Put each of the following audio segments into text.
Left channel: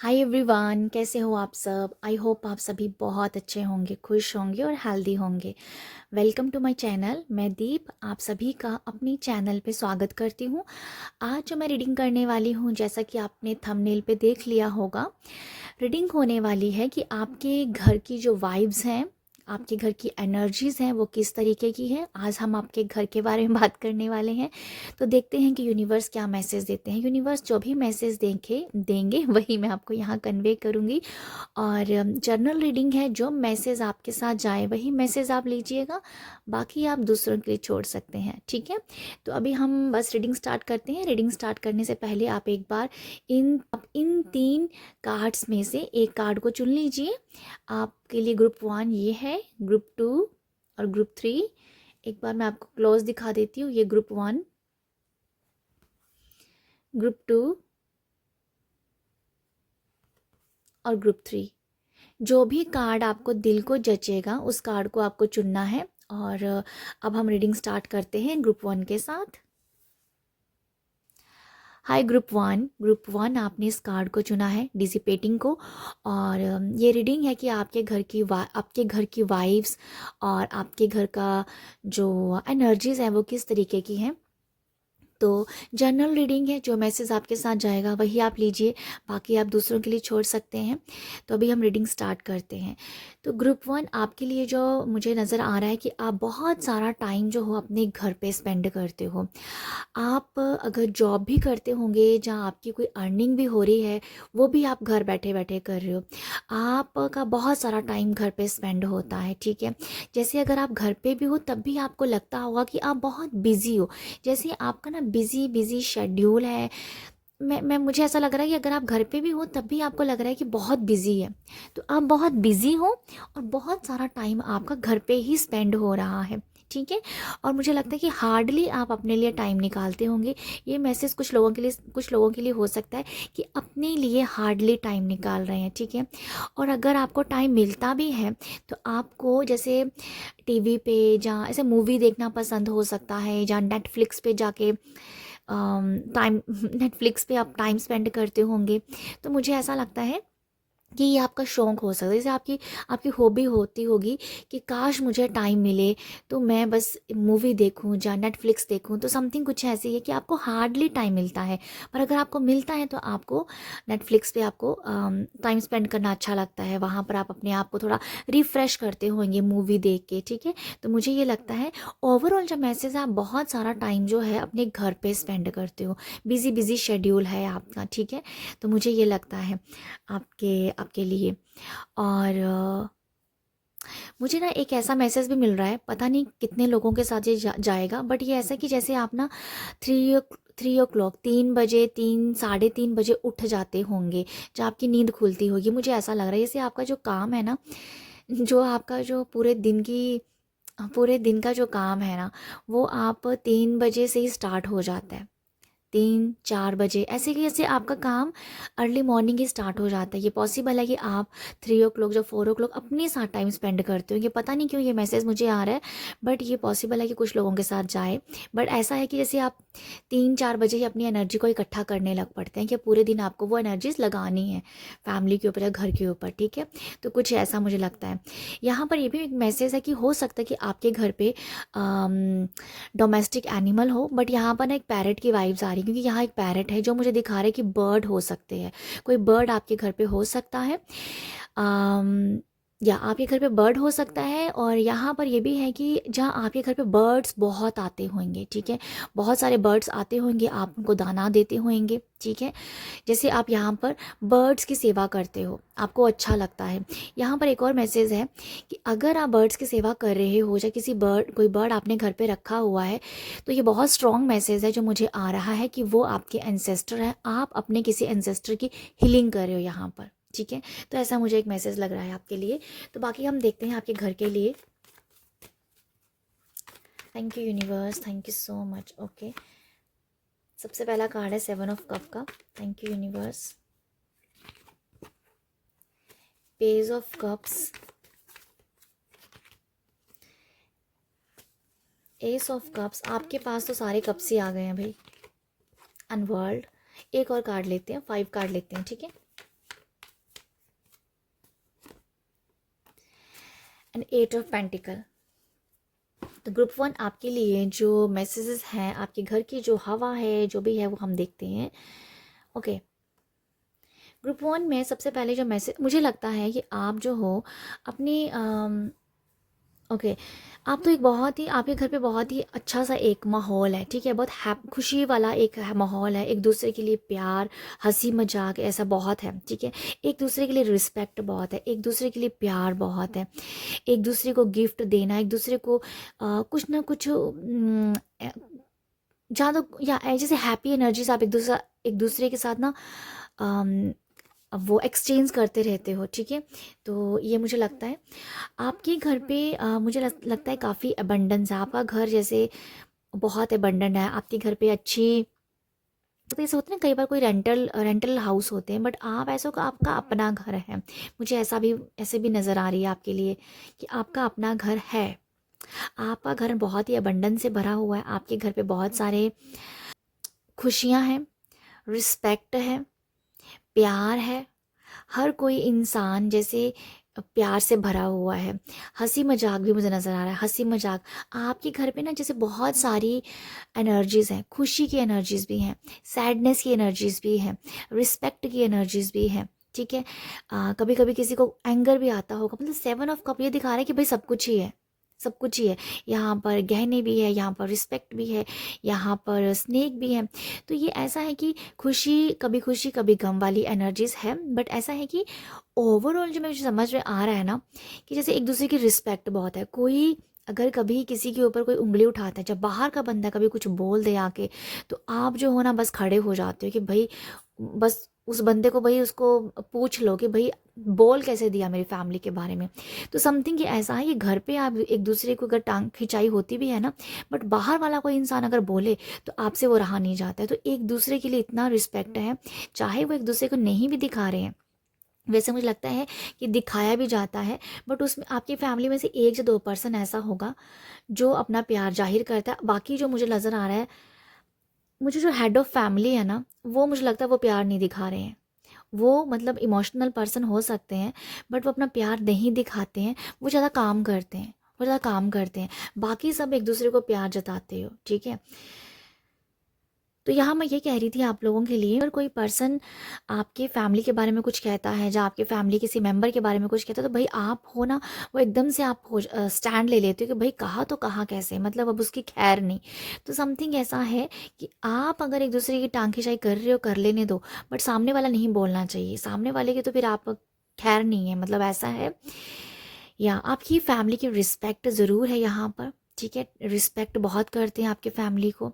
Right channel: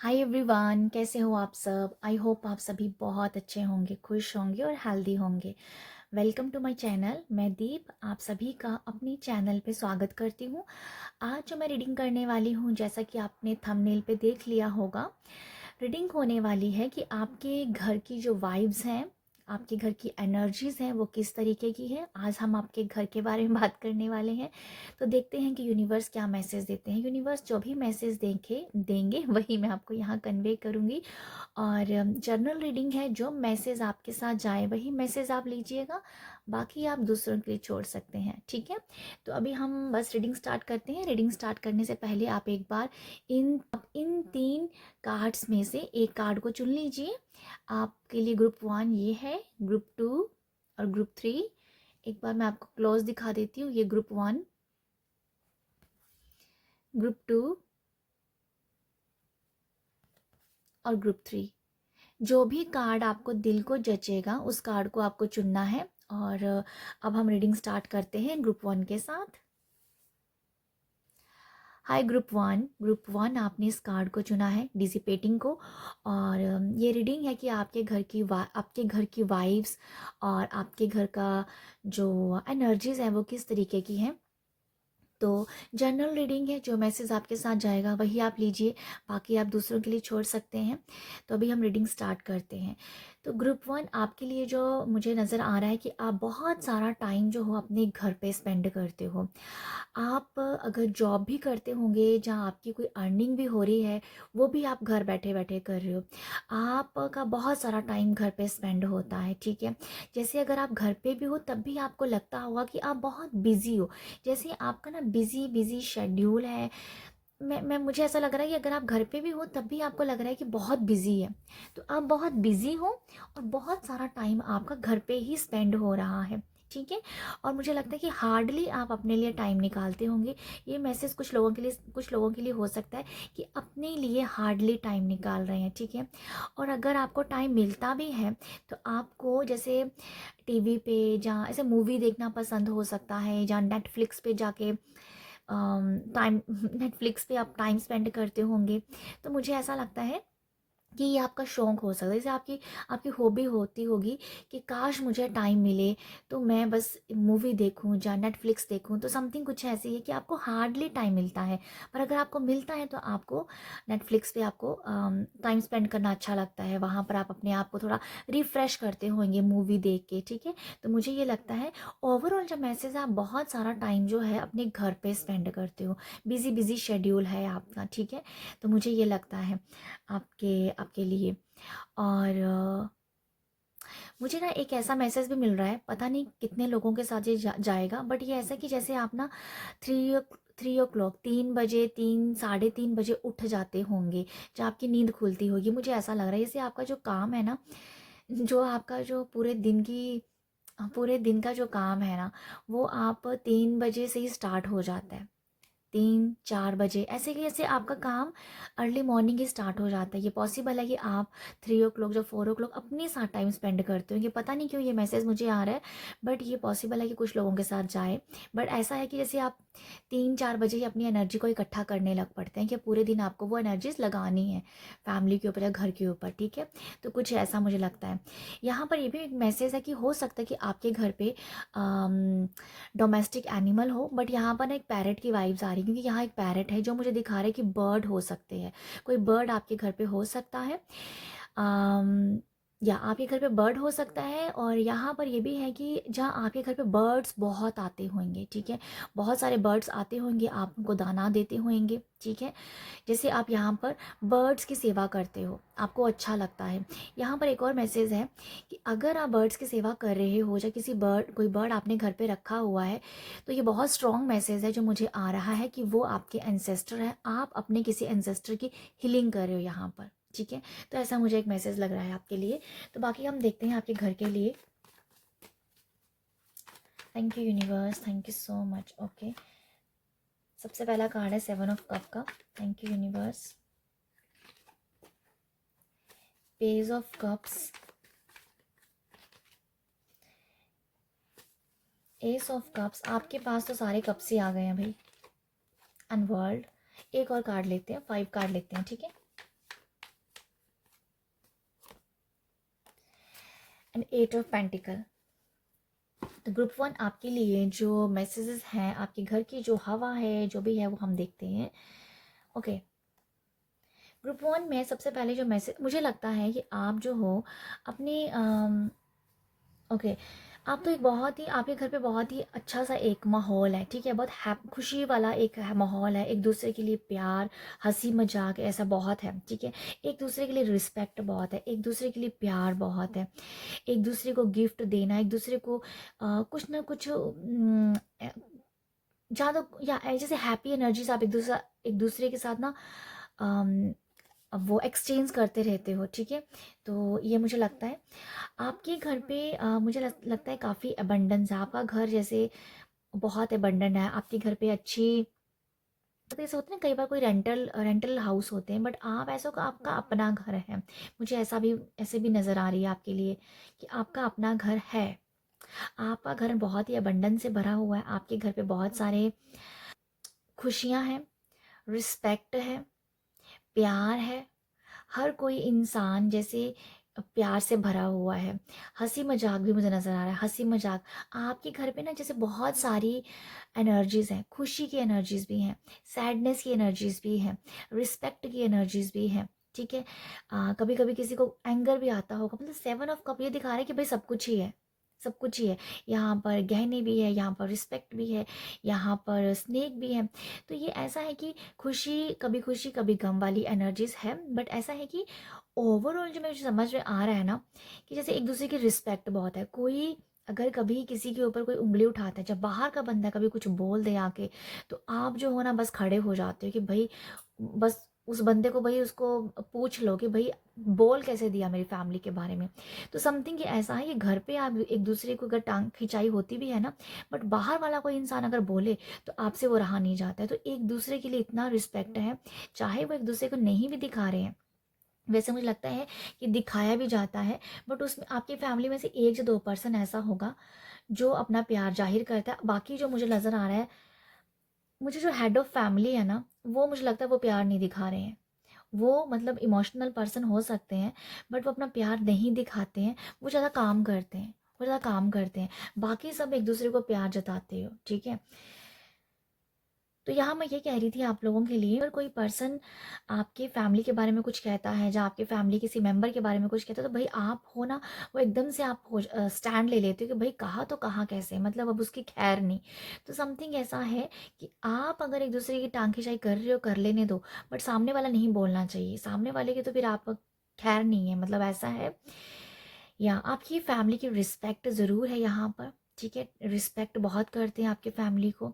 Hi everyone, कैसे हो आप सब। आई होप आप सभी बहुत अच्छे होंगे, खुश होंगे और हेल्दी होंगे। Welcome to my channel. मैं दीप आप सभी का अपनी चैनल पे स्वागत करती हूँ। आज जो मैं रीडिंग करने वाली हूँ, जैसा कि आपने थंबनेल पे देख लिया होगा, रीडिंग होने वाली है कि आपके घर की जो वाइब्स हैं, आपके घर की एनर्जीज़ हैं, वो किस तरीके की हैं। आज हम आपके घर के बारे में बात करने वाले हैं। तो देखते हैं कि यूनिवर्स क्या मैसेज देते हैं। यूनिवर्स जो भी मैसेज देंगे वही मैं आपको यहाँ कन्वे करूँगी। और जर्नल रीडिंग है, जो मैसेज आपके साथ जाए वही मैसेज आप लीजिएगा, बाकी आप दूसरों के लिए छोड़ सकते हैं, ठीक है। तो अभी हम बस रीडिंग स्टार्ट करते हैं। रीडिंग स्टार्ट करने से पहले आप एक बार इन 3 कार्ड्स में से एक कार्ड को चुन लीजिए। आपके लिए ग्रुप 1 ये है, ग्रुप 2 और ग्रुप 3। एक बार मैं आपको क्लोज दिखा देती हूँ। ये ग्रुप 1, ग्रुप 2 और ग्रुप 3। जो भी कार्ड आपको दिल को जचेगा उस कार्ड को आपको चुनना है। और अब हम रीडिंग स्टार्ट करते हैं ग्रुप 1 के साथ। हाय ग्रुप 1 आपने इस कार्ड को चुना है, डिसिपेटिंग को। और ये रीडिंग है कि आपके घर की वाइब्स और आपके घर का जो एनर्जीज हैं वो किस तरीके की हैं। तो जनरल रीडिंग है, जो मैसेज आपके साथ जाएगा वही आप लीजिए, बाकी आप दूसरों के लिए छोड़ सकते हैं। तो अभी हम रीडिंग स्टार्ट करते हैं। तो ग्रुप 1 आपके लिए जो मुझे नज़र आ रहा है कि आप बहुत सारा टाइम जो हो अपने घर पे स्पेंड करते हो। आप अगर जॉब भी करते होंगे जहाँ आपकी कोई अर्निंग भी हो रही है, वो भी आप घर बैठे बैठे कर रहे हो। आपका बहुत सारा टाइम घर पे स्पेंड होता है, ठीक है। जैसे अगर आप घर पे भी हो तब भी आपको लगता होगा कि आप बहुत बिजी हो, जैसे आपका ना बिजी बिजी शेड्यूल है। मैं मुझे ऐसा लग रहा है कि अगर आप घर पे भी हो तब भी आपको लग रहा है कि बहुत बिजी है। तो आप बहुत बिजी हो और बहुत सारा टाइम आपका घर पे ही स्पेंड हो रहा है, ठीक है। और मुझे लगता है कि हार्डली आप अपने लिए टाइम निकालते होंगे। ये मैसेज कुछ लोगों के लिए हो सकता है कि अपने लिए हार्डली टाइम निकाल रहे हैं, ठीक है। और अगर आपको टाइम मिलता भी है तो आपको जैसे टीवी पे जहाँ ऐसे मूवी देखना पसंद हो सकता है, जहाँ नेटफ्लिक्स पे जाके टाइम नेटफ्लिक्स पे आप टाइम स्पेंड करते होंगे। तो मुझे ऐसा लगता है कि ये आपका शौक हो सकता है, जैसे आपकी आपकी हॉबी होती होगी कि काश मुझे टाइम मिले तो मैं बस मूवी देखूं या नेटफ्लिक्स देखूं। तो समथिंग कुछ ऐसी है कि आपको हार्डली टाइम मिलता है, पर अगर आपको मिलता है तो आपको नेटफ्लिक्स पे आपको टाइम स्पेंड करना अच्छा लगता है। वहाँ पर आप अपने आप को थोड़ा रिफ़्रेश करते होंगे मूवी देख के, ठीक है। तो मुझे ये लगता है ओवरऑल जो मैसेज है, आप बहुत सारा टाइम जो है अपने घर पे स्पेंड करते हो, बिजी बिजी शेड्यूल है आपका, ठीक है। तो मुझे ये लगता है आपके आपके लिए। और मुझे ना एक ऐसा मैसेज भी मिल रहा है, पता नहीं कितने लोगों के साथ ये जाएगा, बट ये ऐसा कि जैसे आप ना 3 ओ क्लॉक 3 बजे 3 साढ़े 3 बजे उठ जाते होंगे, जब आपकी नींद खुलती होगी। मुझे ऐसा लग रहा है जैसे आपका जो काम है ना, जो आपका जो पूरे दिन का जो काम है ना, वो आप 3 बजे से ही स्टार्ट हो जाता है। 3 4 बजे ऐसे कि जैसे आपका काम अर्ली मॉर्निंग ही स्टार्ट हो जाता है। ये पॉसिबल है कि आप 3 ओ क्लॉक जो 4 ओ क्लॉक अपने साथ टाइम स्पेंड करते हो। ये पता नहीं क्यों ये मैसेज मुझे आ रहा है, बट ये पॉसिबल है कि कुछ लोगों के साथ जाए। बट ऐसा है कि जैसे आप 3 4 बजे ही अपनी एनर्जी को इकट्ठा करने लग पड़ते हैं कि पूरे दिन आपको वो एनर्जीज लगानी है फैमिली के ऊपर या घर के ऊपर, ठीक है। तो कुछ ऐसा मुझे लगता है। यहाँ पर ये भी एक मैसेज है कि हो सकता है कि आपके घर पे डोमेस्टिक एनिमल हो, बट यहाँ पर ना एक पैरेट की वाइब्स आ रही, क्योंकि यहाँ एक पैरेट है जो मुझे दिखा रहा है कि बर्ड हो सकते हैं। कोई बर्ड आपके घर पे हो सकता है, अम, या आपके घर पे बर्ड हो सकता है। और यहाँ पर ये भी है कि जहाँ आपके घर पे बर्ड्स बहुत आते होंगे, ठीक है। बहुत सारे बर्ड्स आते होंगे, आप उनको दाना देते होंगे, ठीक है। जैसे आप यहाँ पर बर्ड्स की सेवा करते हो, आपको अच्छा लगता है। यहाँ पर एक और मैसेज है कि अगर आप बर्ड्स की सेवा कर रहे हो या कोई बर्ड आपने घर पे रखा हुआ है, तो ये बहुत स्ट्रॉन्ग मैसेज है जो मुझे आ रहा है कि वो आपके एंसेस्टर हैं। आप अपने किसी एंसेस्टर की हीलिंग कर रहे हो यहाँ पर, ठीक है। तो ऐसा मुझे एक मैसेज लग रहा है आपके लिए। तो बाकी हम देखते हैं आपके घर के लिए। Thank you universe, thank you so much. Okay, सबसे पहला कार्ड है 7 ऑफ कप का। Thank you universe. Page of cups, S of cups. आपके पास तो सारे कप्स ही आ गए हैं भाई। अनवर्ल्ड। एक और कार्ड लेते हैं, 5 कार्ड लेते हैं, ठीक है। And 8 of pentacle. तो ग्रुप 1 आपके लिए जो मैसेजेस हैं, आपके घर की जो हवा है, जो भी है वो हम देखते हैं। ओके, ग्रुप 1 में सबसे पहले जो मैसेज मुझे लगता है कि आप जो हो अपनी ओके, आप तो एक बहुत ही आपके घर पे बहुत ही अच्छा सा एक माहौल है, ठीक है, बहुत खुशी वाला एक माहौल है, एक दूसरे के लिए प्यार, हंसी मजाक ऐसा बहुत है, ठीक है, एक दूसरे के लिए रिस्पेक्ट बहुत है, एक दूसरे के लिए प्यार बहुत है, एक दूसरे को गिफ्ट देना, एक दूसरे को कुछ ना कुछ ज़्यादा या जैसे हैप्पी एनर्जीज आप एक दूसरे के साथ ना अम, अब वो एक्सचेंज करते रहते हो, ठीक है। तो ये मुझे लगता है आपके घर पे मुझे लगता है काफ़ी अबंडेंस है, आपका घर जैसे बहुत अबंडेंट है, आपके घर पे अच्छी तो ऐसा होता है ना, कई बार कोई रेंटल हाउस होते हैं, बट आप ऐसा का आपका अपना घर है। मुझे ऐसे भी नज़र आ रही है आपके लिए कि आपका अपना घर है, आपका घर बहुत ही अबंडेंस से भरा हुआ है, आपके घर पे बहुत सारे खुशियाँ हैं, रिस्पेक्ट है, प्यार है, हर कोई इंसान जैसे प्यार से भरा हुआ है, हंसी मजाक भी मुझे नज़र आ रहा है, हंसी मजाक आपके घर पे ना जैसे बहुत सारी एनर्जीज़ हैं, खुशी की एनर्जीज़ भी हैं, सैडनेस की एनर्जीज़ भी हैं, रिस्पेक्ट की एनर्जीज़ भी हैं, ठीक है। कभी कभी किसी को एंगर भी आता होगा, मतलब 7 ऑफ कप ये दिखा रहा है कि भाई सब कुछ ही है, सब कुछ ही है, यहाँ पर गहने भी है, यहाँ पर रिस्पेक्ट भी है, यहाँ पर स्नेक भी है। तो ये ऐसा है कि खुशी कभी गम वाली एनर्जीज है, बट ऐसा है कि ओवरऑल जो मुझे समझ में आ रहा है ना कि जैसे एक दूसरे की रिस्पेक्ट बहुत है। कोई अगर कभी किसी के ऊपर कोई उंगली उठाता है, जब बाहर का बंदा कभी कुछ बोल दे आके, तो आप जो हो ना बस खड़े हो जाते हो कि भाई बस उस बंदे को भाई उसको पूछ लो कि भाई बोल कैसे दिया मेरी फैमिली के बारे में। तो समथिंग ये ऐसा है कि घर पे आप एक दूसरे को अगर टांग खिंचाई होती भी है ना, बट बाहर वाला कोई इंसान अगर बोले तो आपसे वो रहा नहीं जाता है। तो एक दूसरे के लिए इतना रिस्पेक्ट है, चाहे वो एक दूसरे को नहीं भी दिखा रहे हैं, वैसे मुझे लगता है कि दिखाया भी जाता है, बट उसमें आपकी फैमिली में से 1 या 2 पर्सन ऐसा होगा जो अपना प्यार जाहिर करता है। बाकी जो मुझे नज़र आ रहा है, मुझे जो हेड ऑफ़ फैमिली है ना, वो मुझे लगता है वो प्यार नहीं दिखा रहे हैं। वो मतलब इमोशनल पर्सन हो सकते हैं, बट वो अपना प्यार नहीं दिखाते हैं, वो ज़्यादा काम करते हैं, वो ज़्यादा काम करते हैं। बाकी सब एक दूसरे को प्यार जताते हो, ठीक है। तो यहाँ मैं ये कह रही थी आप लोगों के लिए, अगर कोई पर्सन आपके फैमिली के बारे में कुछ कहता है, या आपके फैमिली किसी मेंबर के बारे में कुछ कहता है, तो भाई आप हो ना, वो एकदम से आप हो स्टैंड ले लेते हो कि भाई कहा तो कहा कैसे, मतलब अब उसकी खैर नहीं। तो समथिंग ऐसा है कि आप अगर एक दूसरे की टांग खिंचाई कर रहे हो, कर लेने दो, बट सामने वाला नहीं बोलना चाहिए, सामने वाले की तो फिर आप खैर नहीं है, मतलब ऐसा है। या आपकी फैमिली की रिस्पेक्ट ज़रूर है यहाँ पर, ठीक है, रिस्पेक्ट बहुत करते हैं आपके फैमिली को,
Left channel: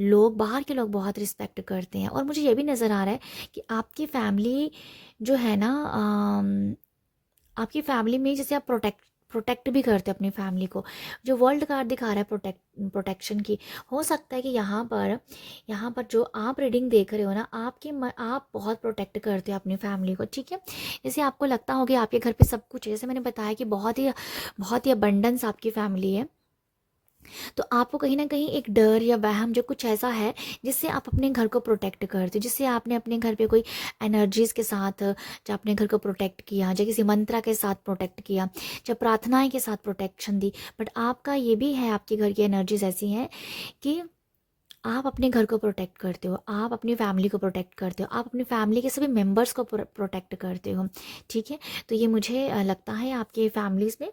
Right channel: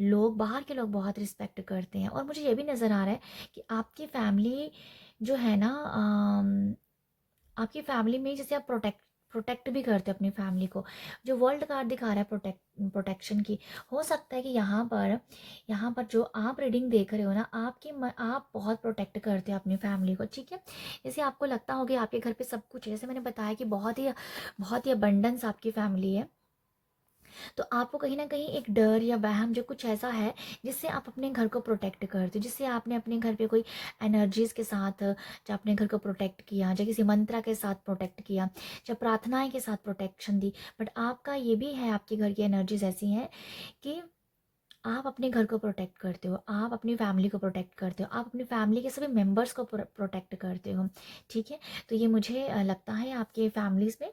लोग बाहर के लोग बहुत रिस्पेक्ट करते हैं। और मुझे ये भी नज़र आ रहा है कि आपकी फैमिली जो है ना, आपकी फैमिली में जैसे आप प्रोटेक्ट भी करते हो अपनी फैमिली को। जो वर्ल्ड कार्ड दिखा रहा है प्रोटेक्शन की, हो सकता है कि यहाँ पर जो आप रीडिंग देख रहे हो ना, आप बहुत प्रोटेक्ट करते हो अपनी फैमिली को, ठीक है। जैसे आपको लगता होगा आपके घर पे सब कुछ है, जैसे मैंने बताया कि बहुत ही अबंडेंस आपकी फैमिली है, तो आपको कहीं ना कहीं एक डर या वहम जो कुछ ऐसा है जिससे आप अपने घर को प्रोटेक्ट करते हो, जिससे आपने अपने घर पे कोई एनर्जीज के साथ जब अपने घर को प्रोटेक्ट किया, जब किसी मंत्रा के साथ प्रोटेक्ट किया, जब प्रार्थनाएं के साथ प्रोटेक्शन दी। बट आपका ये भी है, आपके घर की एनर्जीज ऐसी हैं कि आप अपने घर को प्रोटेक्ट करते हो, आप अपनी फैमिली को प्रोटेक्ट करते हो, आप अपनी फैमिली के सभी मेंबर्स को प्रोटेक्ट करते हो, ठीक है। तो ये मुझे लगता है आपके फैमिलीज़ में।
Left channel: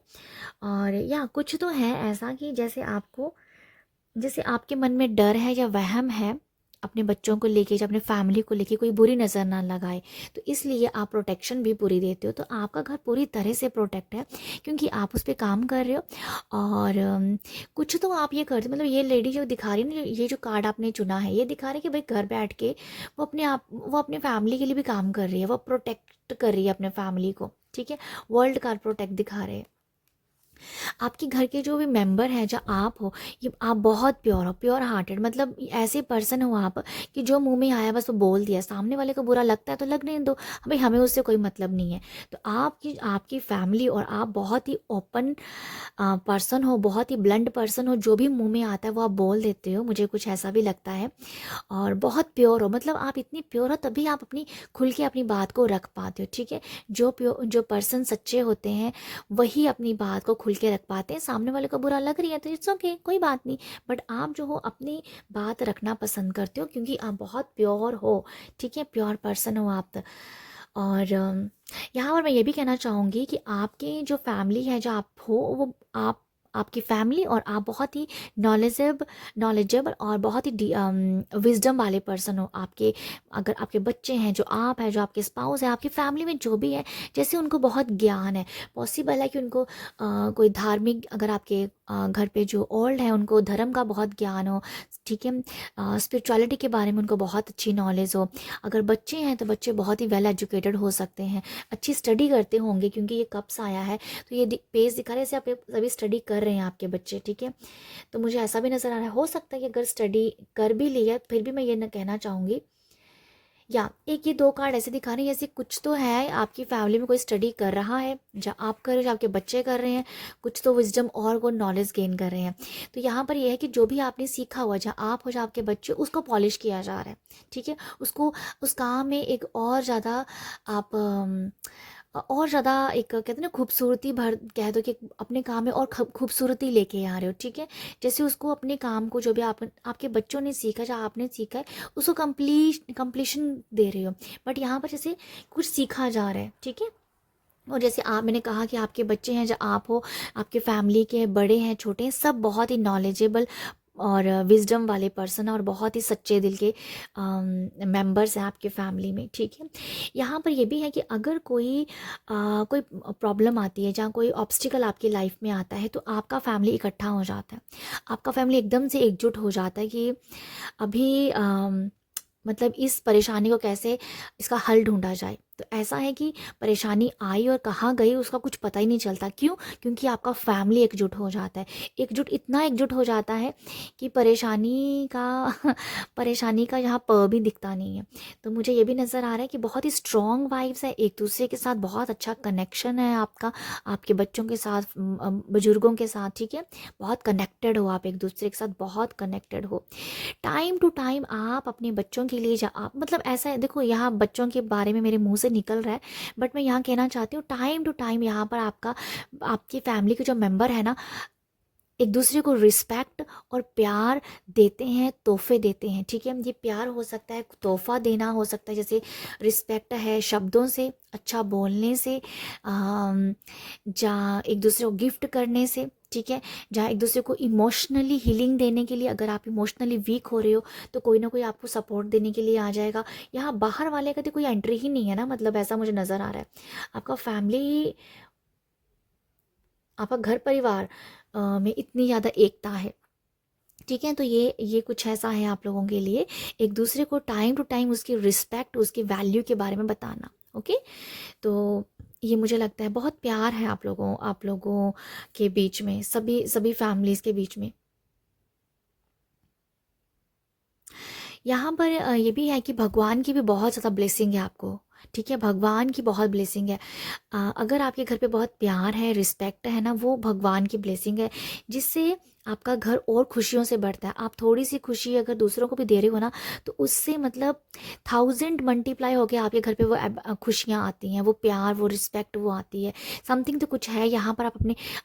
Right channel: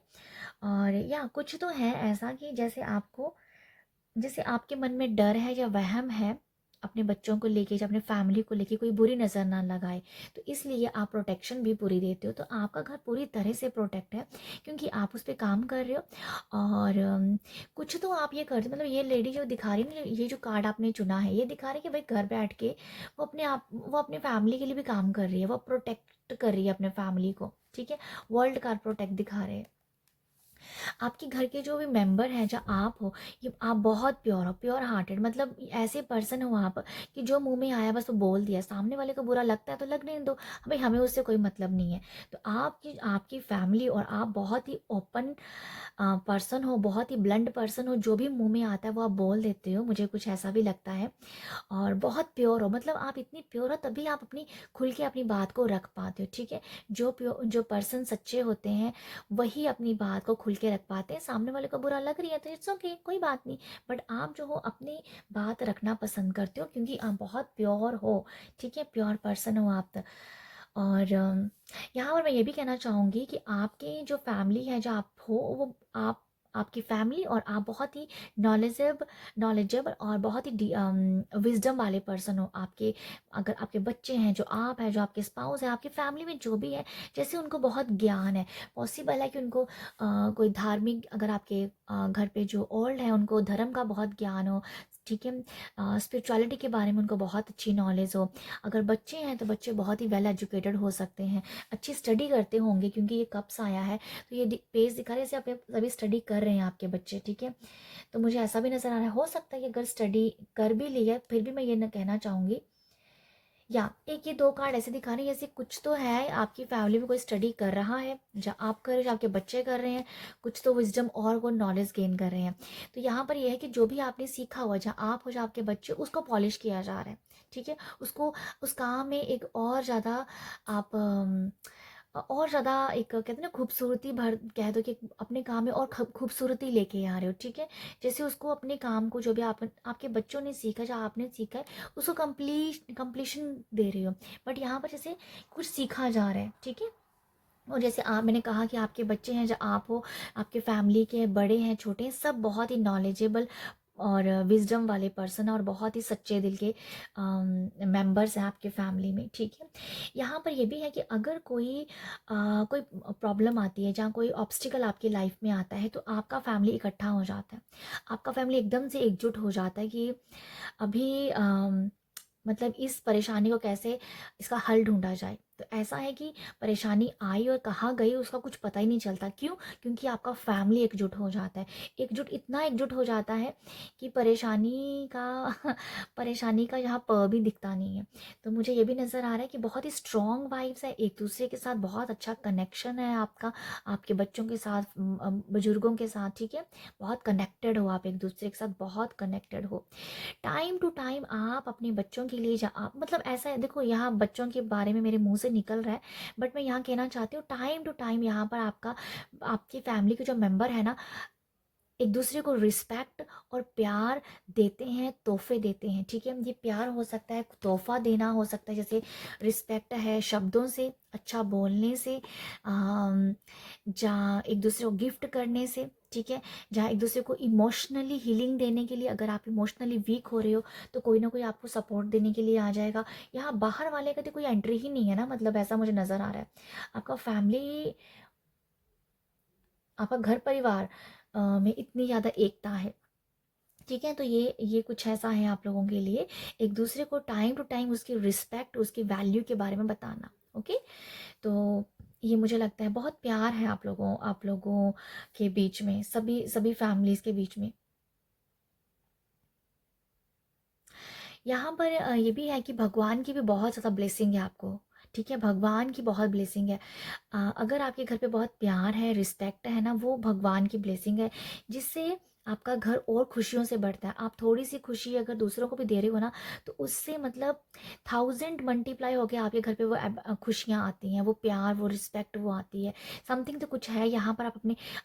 और या कुछ तो है ऐसा कि जैसे आपके मन में डर है या वहम है अपने बच्चों को लेके, या अपने फैमिली को लेके, कोई बुरी नज़र ना लगाए, तो इसलिए आप प्रोटेक्शन भी पूरी देते हो। तो आपका घर पूरी तरह से प्रोटेक्ट है, क्योंकि आप उस पर काम कर रहे हो। और कुछ तो आप ये करते, मतलब ये लेडी जो दिखा रही है ना, ये जो कार्ड आपने चुना है, ये दिखा रही है कि भाई घर बैठ के वो अपने फैमिली के लिए भी काम कर रही है, वो प्रोटेक्ट कर रही है अपने फैमिली को, ठीक है। वर्ल्ड कार्ड प्रोटेक्ट दिखा रहे हैं। आपके घर के जो भी मेंबर हैं, जहाँ आप हो, ये आप बहुत प्योर हो, प्योर हार्टेड, मतलब ऐसे पर्सन हो आप कि जो मुंह में आया बस वो बोल दिया, सामने वाले को बुरा लगता है तो लगने दो, भाई हमें उससे कोई मतलब नहीं है। तो आपकी फैमिली और आप बहुत ही ओपन पर्सन हो, बहुत ही ब्लंट पर्सन हो, जो भी मुंह में आता है वो आप बोल देते हो, मुझे कुछ ऐसा भी लगता है। और बहुत प्योर हो, मतलब आप इतनी प्योर हो तभी आप अपनी खुल के अपनी बात को रख पाते हो, ठीक है। जो पर्सन सच्चे होते हैं वही अपनी बात को खुल खुल के रख पाते हैं। सामने वाले को बुरा लग रही है तो इट्स ओके, कोई बात नहीं, बट आप जो हो अपनी बात रखना पसंद करते हो क्योंकि आप बहुत प्योर हो, ठीक है, प्योर पर्सन हो आप। और यहाँ पर मैं ये भी कहना चाहूँगी कि आपके जो फैमिली है, जो आप हो, वो आपकी फैमिली और आप बहुत ही नॉलेजेबल और बहुत ही विजडम वाले पर्सन हो। आपके अगर आपके बच्चे हैं, जो आप हैं, जो आपके स्पाउस है, आपकी फैमिली में जो भी है, जैसे उनको बहुत ज्ञान है, पॉसिबल है कि उनको कोई धार्मिक, अगर आपके घर पे जो ओल्ड है उनको धर्म का बहुत ज्ञान हो, ठीक है, स्पिरिचुअलिटी के बारे में उनको बहुत अच्छी नॉलेज हो। अगर बच्चे हैं तो बच्चे बहुत ही वेल एजुकेटेड हो सकते हैं, अच्छी स्टडी करते होंगे, क्योंकि ये कब से आया है तो ये पेज दिखा रहे हैं आप सभी स्टडी कर रहे हैं आपके बच्चे, ठीक है। तो मुझे ऐसा भी नज़र आ रहा है, हो सकता है कि अगर स्टडी कर भी ली है फिर भी मैं ये ना कहना चाहूँगी, या एक ये दो कार्ड ऐसे दिखा रहे हैं जैसे कुछ तो है आपकी फैमिली में कोई स्टडी कर रहा है, जो आप कर रहे हो, जो आपके बच्चे कर रहे हैं, कुछ तो विजडम और वो नॉलेज गेन कर रहे हैं। तो यहाँ पर ये है कि जो भी आपने सीखा हुआ, जहाँ आप हो, जो आपके बच्चे, उसको पॉलिश किया जा रहा है, ठीक है, उसको उस काम में एक और ज़्यादा आप और ज़्यादा एक कहते हैं ना खूबसूरती भर, कह दो कि अपने काम में और खूबसूरती लेके आ रहे हो, ठीक है। जैसे उसको अपने काम को जो भी आपके बच्चों ने सीखा, जो आपने सीखा है, उसको कंप्लीशन दे रहे हो। बट यहाँ पर जैसे कुछ सीखा जा रहा है, ठीक है। और जैसे आप, मैंने कहा कि आपके बच्चे हैं, जो आप हो, आपके फैमिली के बड़े हैं, छोटे हैं, सब बहुत ही नॉलेजेबल और विजडम वाले पर्सन और बहुत ही सच्चे दिल के मेंबर्स हैं आपके फैमिली में, ठीक है। यहाँ पर ये भी है कि अगर कोई प्रॉब्लम आती है, जहाँ कोई ऑब्स्टिकल आपकी लाइफ में आता है, तो आपका फैमिली इकट्ठा हो जाता है, आपका फैमिली एकदम से एकजुट हो जाता है कि अभी मतलब इस परेशानी को कैसे, इसका हल ढूंढा जाए। तो ऐसा है कि परेशानी आई और कहाँ गई उसका कुछ पता ही नहीं चलता। क्यों? क्योंकि आपका फैमिली एकजुट हो जाता है, इतना एकजुट हो जाता है कि परेशानी का परेशानी का यहाँ प भी दिखता नहीं है। तो मुझे ये भी नज़र आ रहा है कि बहुत ही स्ट्रॉन्ग वाइब्स है, एक दूसरे के साथ बहुत अच्छा कनेक्शन है आपका, आपके बच्चों के साथ, बुजुर्गों के साथ, ठीक है, बहुत कनेक्टेड हो आप एक दूसरे के साथ, बहुत कनेक्टेड हो। टाइम टू टाइम आप अपने बच्चों के लिए, आप मतलब ऐसा है, देखो यहाँ बच्चों के बारे में मेरे मुंह से निकल रहा है, बट मैं यहाँ कहना चाहती हूँ टाइम टू टाइम यहाँ पर आपकी फैमिली के जो मेंबर है ना, एक दूसरे को रिस्पेक्ट और प्यार देते हैं, तोहफे देते हैं, ठीक है। ये प्यार हो सकता है, तोहफा देना हो सकता है, जैसे रिस्पेक्ट है शब्दों से, अच्छा बोलने से, जहाँ एक दूसरे को गिफ्ट करने से, ठीक है, जहाँ एक दूसरे को इमोशनली हीलिंग देने के लिए, अगर आप इमोशनली वीक हो रहे हो तो कोई ना कोई आपको सपोर्ट देने के लिए आ जाएगा। यहाँ बाहर वाले का तो कोई एंट्री ही नहीं है ना, मतलब ऐसा मुझे नज़र आ रहा है। आपका फैमिली, आपका घर परिवार में इतनी ज़्यादा एकता है, ठीक है। तो ये कुछ ऐसा है आप लोगों के लिए, एक दूसरे को टाइम टू टाइम उसकी रिस्पेक्ट, उसकी वैल्यू के बारे में बताना, ओके। तो ये मुझे लगता है बहुत प्यार है आप लोगों के बीच में, सभी सभी फैमिलीज़ के बीच में। यहाँ पर ये भी है कि भगवान की भी बहुत ज़्यादा ब्लेसिंग है आपको, ठीक है, भगवान की बहुत ब्लेसिंग है। अगर आपके घर पे बहुत प्यार है, रिस्पेक्ट है ना, वो भगवान की ब्लेसिंग है, जिससे आपका घर और खुशियों से बढ़ता है। आप थोड़ी सी खुशी अगर दूसरों को भी दे रहे हो ना, तो उससे मतलब 1000 मल्टीप्लाई होके आपके घर पे वो खुशियाँ आती हैं, वो प्यार, वो रिस्पेक्ट, वो आती है। समथिंग तो कुछ है यहाँ पर,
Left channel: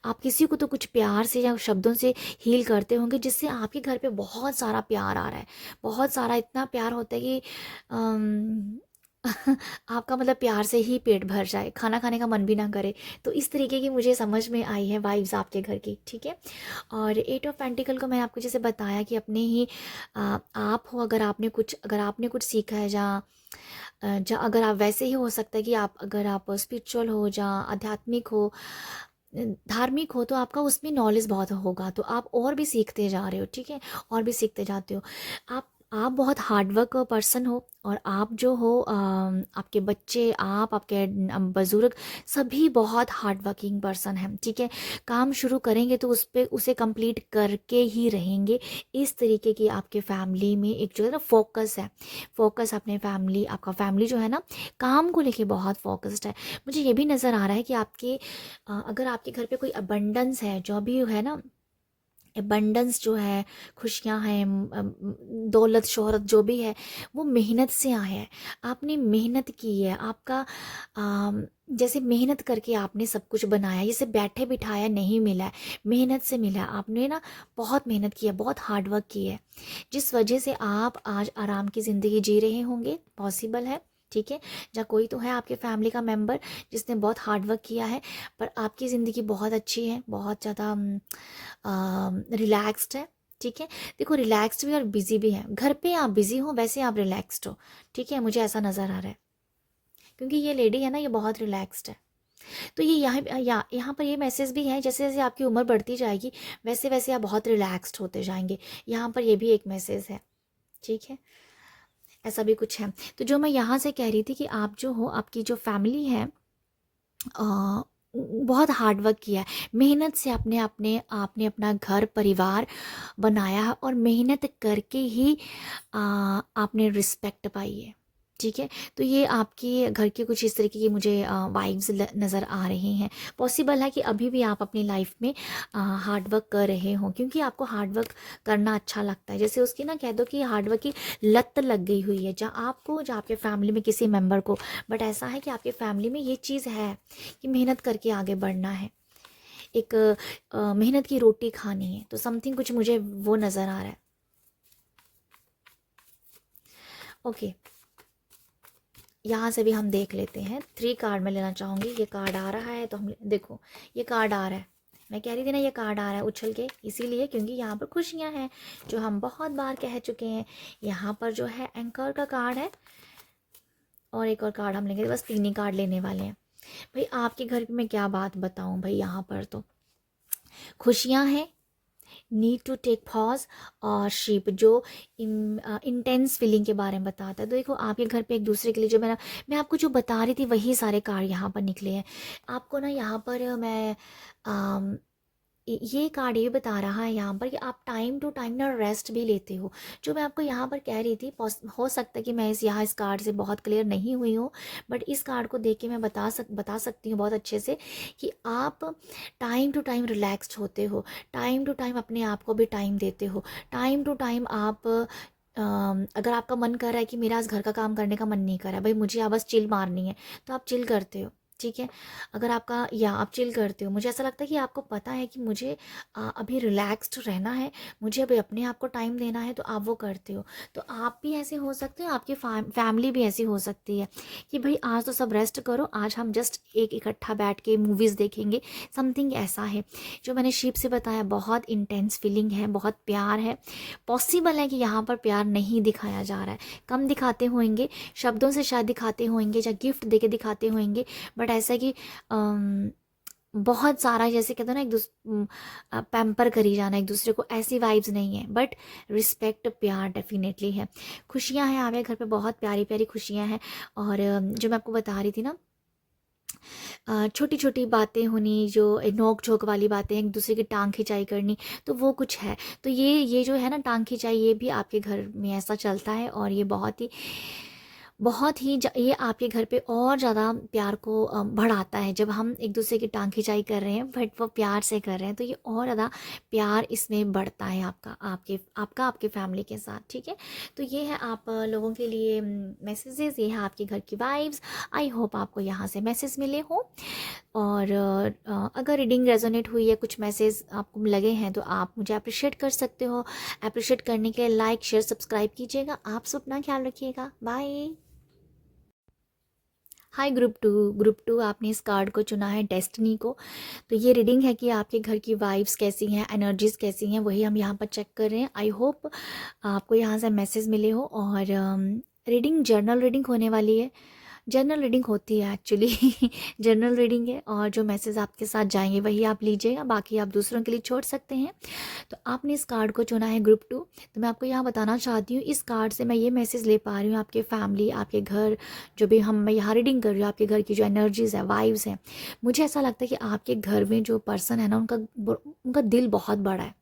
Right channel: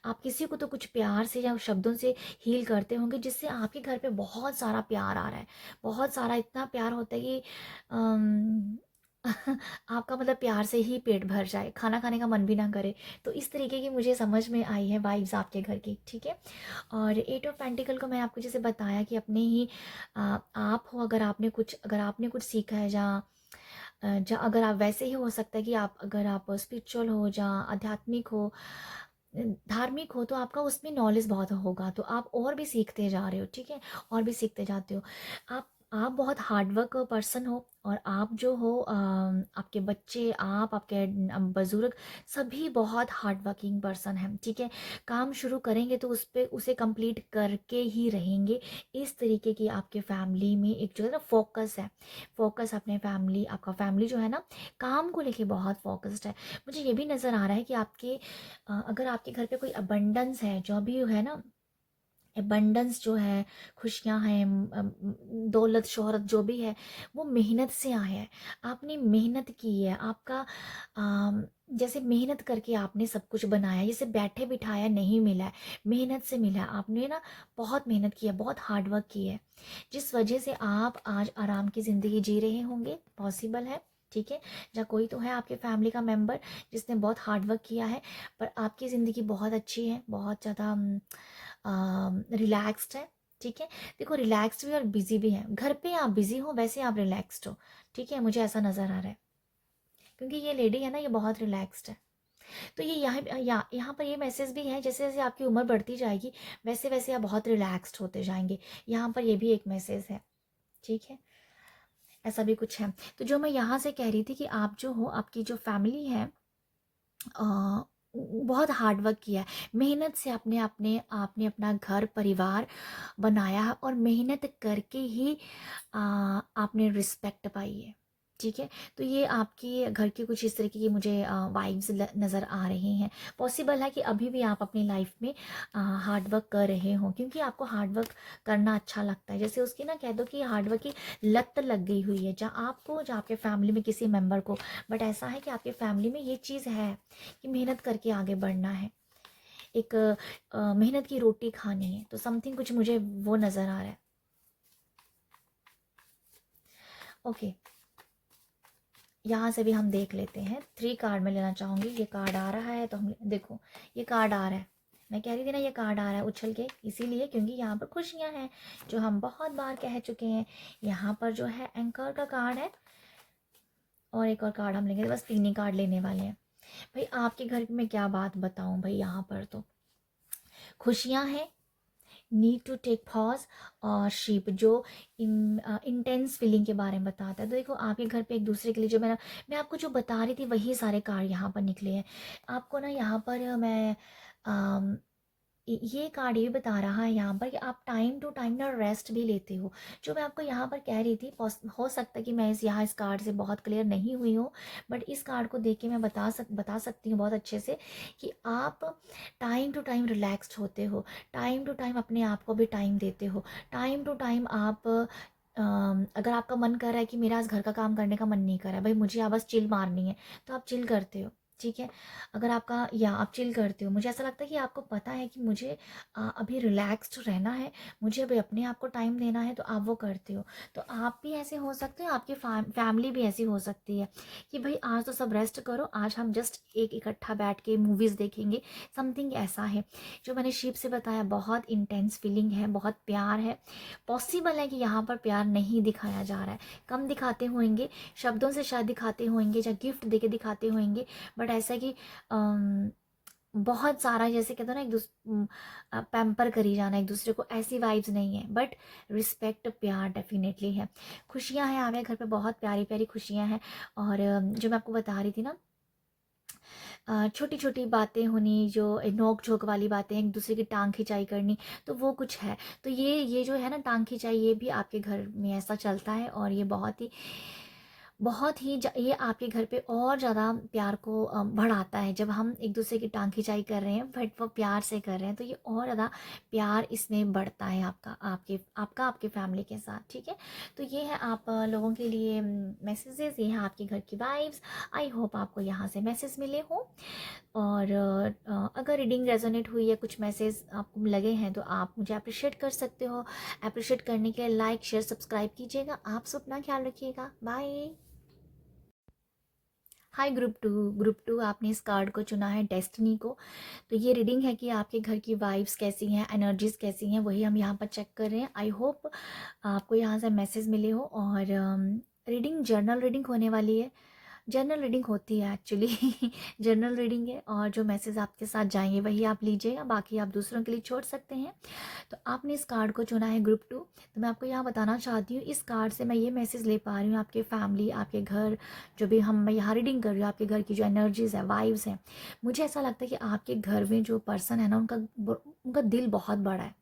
आप किसी को तो कुछ प्यार से या शब्दों से हील करते होंगे, जिससे आपके घर पे बहुत सारा प्यार आ रहा है, बहुत सारा, इतना प्यार होता है कि अम, आपका मतलब प्यार से ही पेट भर जाए, खाना खाने का मन भी ना करे। तो इस तरीके की मुझे समझ में आई है वाइब्स आपके घर की, ठीक है। और 8 ऑफ पेंटिकल को मैं आपको जैसे बताया कि अपने ही आप हो, अगर आपने कुछ सीखा है, जहाँ अगर आप वैसे ही हो सकता है कि अगर आप स्पिरिचुअल हो, जहाँ आध्यात्मिक हो, धार्मिक हो, तो आपका उसमें नॉलेज बहुत होगा, तो आप और भी सीखते जा रहे हो, ठीक है, और भी सीखते जाते हो। आप बहुत हार्डवर्क पर्सन हो, और आप जो हो, आपके बच्चे, आपके बुजुर्ग, सभी बहुत हार्ड वर्किंग पर्सन हैं, ठीक है। काम शुरू करेंगे तो उसे कंप्लीट करके ही रहेंगे। इस तरीके की आपके फैमिली में एक जो है ना फोकस है, फोकस अपने फैमिली, आपका फैमिली जो है ना, काम को लेके बहुत फोकस्ड है। मुझे ये भी नज़र आ रहा है कि अगर आपके घर पे कोई अबंडेंस है, जो भी है ना, एबंडेंस जो है, खुशियाँ हैं, दौलत शोहरत जो भी है, वो मेहनत से आया है। आपने मेहनत की है, आपका जैसे मेहनत करके आपने सब कुछ बनाया, जैसे बैठे बिठाया नहीं मिला है, मेहनत से मिला है। आपने ना बहुत मेहनत की है, बहुत हार्ड वर्क की है, जिस वजह से आप आज आराम की ज़िंदगी जी रहे होंगे, पॉसिबल है। ठीक है, या कोई तो है आपके फैमिली का मेंबर जिसने बहुत हार्ड वर्क किया है, पर आपकी ज़िंदगी बहुत अच्छी है, बहुत ज़्यादा रिलैक्स्ड है। ठीक है, देखो रिलैक्स्ड भी और बिजी भी है। घर पे आप बिजी हो, वैसे आप रिलैक्स्ड हो। ठीक है, मुझे ऐसा नज़र आ रहा है, क्योंकि ये लेडी है ना, ये बहुत रिलैक्स्ड है। तो ये यहाँ पर ये मैसेज भी है, जैसे जैसे आपकी उम्र बढ़ती जाएगी वैसे वैसे आप बहुत रिलैक्स्ड होते जाएंगे। यहाँ पर ये भी एक मैसेज है। ठीक है, ऐसा भी कुछ है। तो जो मैं यहाँ से कह रही थी कि आप जो हो, आपकी जो फैमिली है, बहुत हार्ड वर्क किया है, मेहनत से अपने अपने आपने अपना घर परिवार बनाया है, और मेहनत करके ही आपने रिस्पेक्ट पाई है। ठीक है, तो ये आपकी घर की कुछ इस तरीके की मुझे वाइब्स नज़र आ रही हैं। पॉसिबल है कि अभी भी आप अपनी लाइफ में हार्ड वर्क कर रहे हो, क्योंकि आपको हार्ड वर्क करना अच्छा लगता है। जैसे उसकी ना कह दो कि हार्ड वर्क की लत लग गई हुई है, जहाँ आपको, जहाँ आपके फैमिली में किसी मेंबर को। बट ऐसा है कि आपके फैमिली में ये चीज़ है कि मेहनत करके आगे बढ़ना है, एक मेहनत की रोटी खानी है। तो समथिंग कुछ मुझे वो नज़र आ रहा है। ओके, यहाँ से भी हम देख लेते हैं। 3 कार्ड मैं लेना चाहूँगी। ये कार्ड आ रहा है तो हम देखो, ये कार्ड आ रहा है, मैं कह रही थी ना ये कार्ड आ रहा है उछल के, इसीलिए क्योंकि यहाँ पर खुशियाँ हैं, जो हम बहुत बार कह चुके हैं। यहाँ पर जो है एंकर का कार्ड है, और एक और कार्ड हम लेंगे, बस 3 ही कार्ड लेने वाले हैं। भाई आपके घर में क्या बात बताऊँ भाई, यहाँ पर तो खुशियाँ हैं, नीड टू टेक पॉज, और शिप जो इंटेंस फीलिंग के बारे में बताता है। तो देखो आपके घर पे एक दूसरे के लिए, जो मैं आपको जो बता रही थी वही सारे कार्ड यहाँ पर निकले हैं। आपको ना यहाँ पर मैं ये कार्ड ये बता रहा है यहाँ पर कि आप टाइम टू टाइम ना रेस्ट भी लेते हो। जो मैं आपको यहाँ पर कह रही थी, हो सकता है कि मैं इस कार्ड से बहुत क्लियर नहीं हुई हूँ, बट इस कार्ड को देख के मैं बता सकती हूँ बहुत अच्छे से कि आप टाइम टू टाइम रिलैक्स्ड होते हो, टाइम टू टाइम अपने आप को भी टाइम देते हो, टाइम टू टाइम आप अगर आपका मन कर रहा है कि मेरा आज घर का काम करने का मन नहीं कर रहा है, भाई मुझे अब बस चिल मारनी है, तो आप चिल करते हो। ठीक है, अगर आपका, या आप चिल करते हो, मुझे ऐसा लगता है कि आपको पता है कि मुझे अभी रिलैक्स्ड रहना है, मुझे अभी अपने आप को टाइम देना है, तो आप वो करते हो। तो आप भी ऐसे हो सकते हो, आपकी फैमिली भी ऐसी हो सकती है कि भाई आज तो सब रेस्ट करो, आज हम जस्ट एक इकट्ठा बैठ के मूवीज़ देखेंगे, समथिंग ऐसा है। जो मैंने शिप से बताया, बहुत इंटेंस फीलिंग है, बहुत प्यार है। पॉसिबल है कि यहाँ पर प्यार नहीं दिखाया जा रहा है, कम दिखाते होंगे, शब्दों से शायद दिखाते होंगे, या गिफ्ट देके दिखाते होंगे, बट ऐसा कि बहुत सारा, जैसे कहते हैं ना, पैम्पर करी जाना एक दूसरे को, ऐसी वाइब्स नहीं है, बट रिस्पेक्ट प्यार डेफिनेटली है। खुशियाँ हैं हमारे घर पे, बहुत प्यारी प्यारी खुशियाँ हैं। और जो मैं आपको बता रही थी ना, छोटी छोटी बातें होनी, जो नोक झोंक वाली बातें, एक दूसरे की टांग खिंचाई करनी, तो वो कुछ है। तो ये जो है ना टांग खिंचाई, ये भी आपके घर में ऐसा चलता है, और ये ये आपके घर पे और ज़्यादा प्यार को बढ़ाता है। जब हम एक दूसरे की टांग खिंचाई कर रहे हैं, बट वो प्यार से कर रहे हैं, तो ये और ज़्यादा प्यार इसमें बढ़ता है आपके फैमिली के साथ। ठीक है, तो ये है आप लोगों के लिए मैसेजेस, ये है आपके घर की वाइब्स। आई होप आपको यहाँ से मैसेज मिले हो, और अगर रीडिंग रेजोनेट हुई है, कुछ मैसेज आपको लगे हैं, तो आप मुझे अप्रिशिएट कर सकते हो। अप्रिशिएट करने के लिए लाइक शेयर सब्सक्राइब कीजिएगा। आप सब अपना ख्याल रखिएगा, बाय। हाय ग्रुप टू आपने इस कार्ड को चुना है, डेस्टिनी को। तो ये रीडिंग है कि आपके घर की वाइब्स कैसी हैं, एनर्जीज कैसी हैं, वही हम यहाँ पर चेक कर रहे हैं। आई होप आपको यहाँ से मैसेज मिले हो। और रीडिंग जर्नल रीडिंग होने वाली है, जनरल रीडिंग होती है एक्चुअली जनरल रीडिंग है, और जो मैसेज आपके साथ जाएंगे वही आप लीजिएगा, बाकी आप दूसरों के लिए छोड़ सकते हैं। तो आपने इस कार्ड को चुना है ग्रुप 2। तो मैं आपको यहाँ बताना चाहती हूँ, इस कार्ड से मैं ये मैसेज ले पा रही हूँ, आपके फैमिली, आपके घर, जो भी मैं यहाँ रीडिंग कर रही हूँ, आपके घर की जो एनर्जीज़ है, वाइब्स हैं, मुझे ऐसा लगता है कि आपके घर में जो पर्सन है ना, उनका दिल बहुत बड़ा है,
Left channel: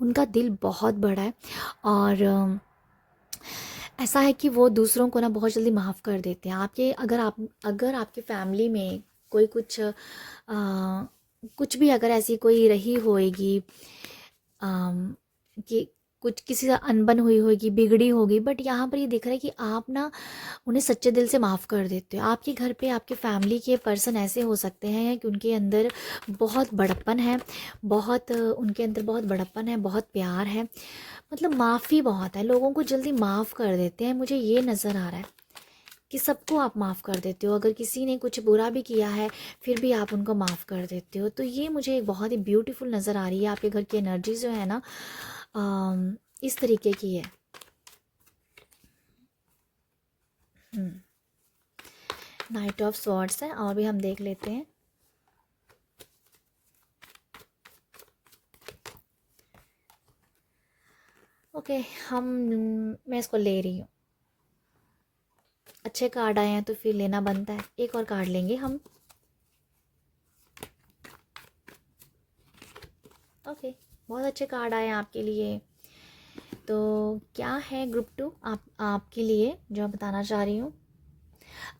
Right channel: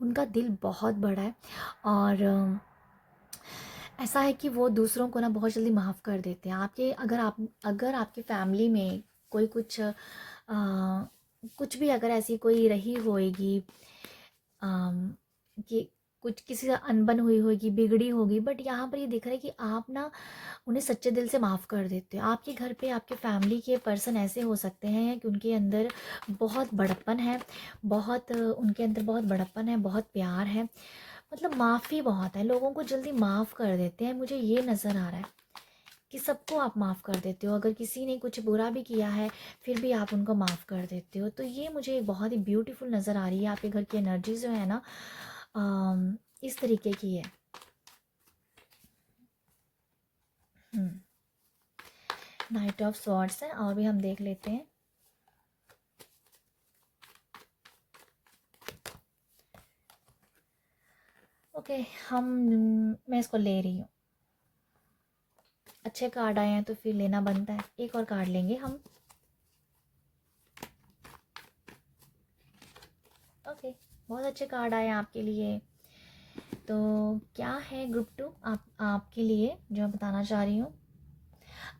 उनका दिल बहुत बड़ा है। और ऐसा है कि वो दूसरों को ना बहुत जल्दी माफ़ कर देते हैं। अगर आपकी फैमिली में कोई कुछ भी अगर ऐसी कोई रही होएगी कि कुछ किसी से अनबन हुई होगी, बिगड़ी होगी, बट यहाँ पर ये दिख रहा है कि आप ना उन्हें सच्चे दिल से माफ़ कर देते हो। आपके घर पे आपके फैमिली के पर्सन ऐसे हो सकते हैं कि उनके अंदर बहुत बड़प्पन है, बहुत उनके अंदर बहुत बड़प्पन है, बहुत प्यार है, मतलब माफ़ी बहुत है, लोगों को जल्दी माफ़ कर देते हैं। मुझे ये नज़र आ रहा है कि सबको आप माफ़ कर देते हो, अगर किसी ने कुछ बुरा भी किया है फिर भी आप उनको माफ़ कर देते हो। तो ये मुझे एक बहुत ही ब्यूटीफुल नज़र आ रही है। आपके घर की एनर्जी जो है ना इस तरीके की है। नाइट ऑफ स्वॉर्ड्स है, और भी हम देख लेते हैं। ओके, मैं इसको ले रही हूँ। अच्छे कार्ड आए हैं तो फिर लेना बनता है। एक और कार्ड लेंगे हम। ओके, बहुत अच्छे कार्ड आए हैं आपके लिए। तो क्या है ग्रुप 2 आपके लिए जो मैं बताना चाह रही हूँ।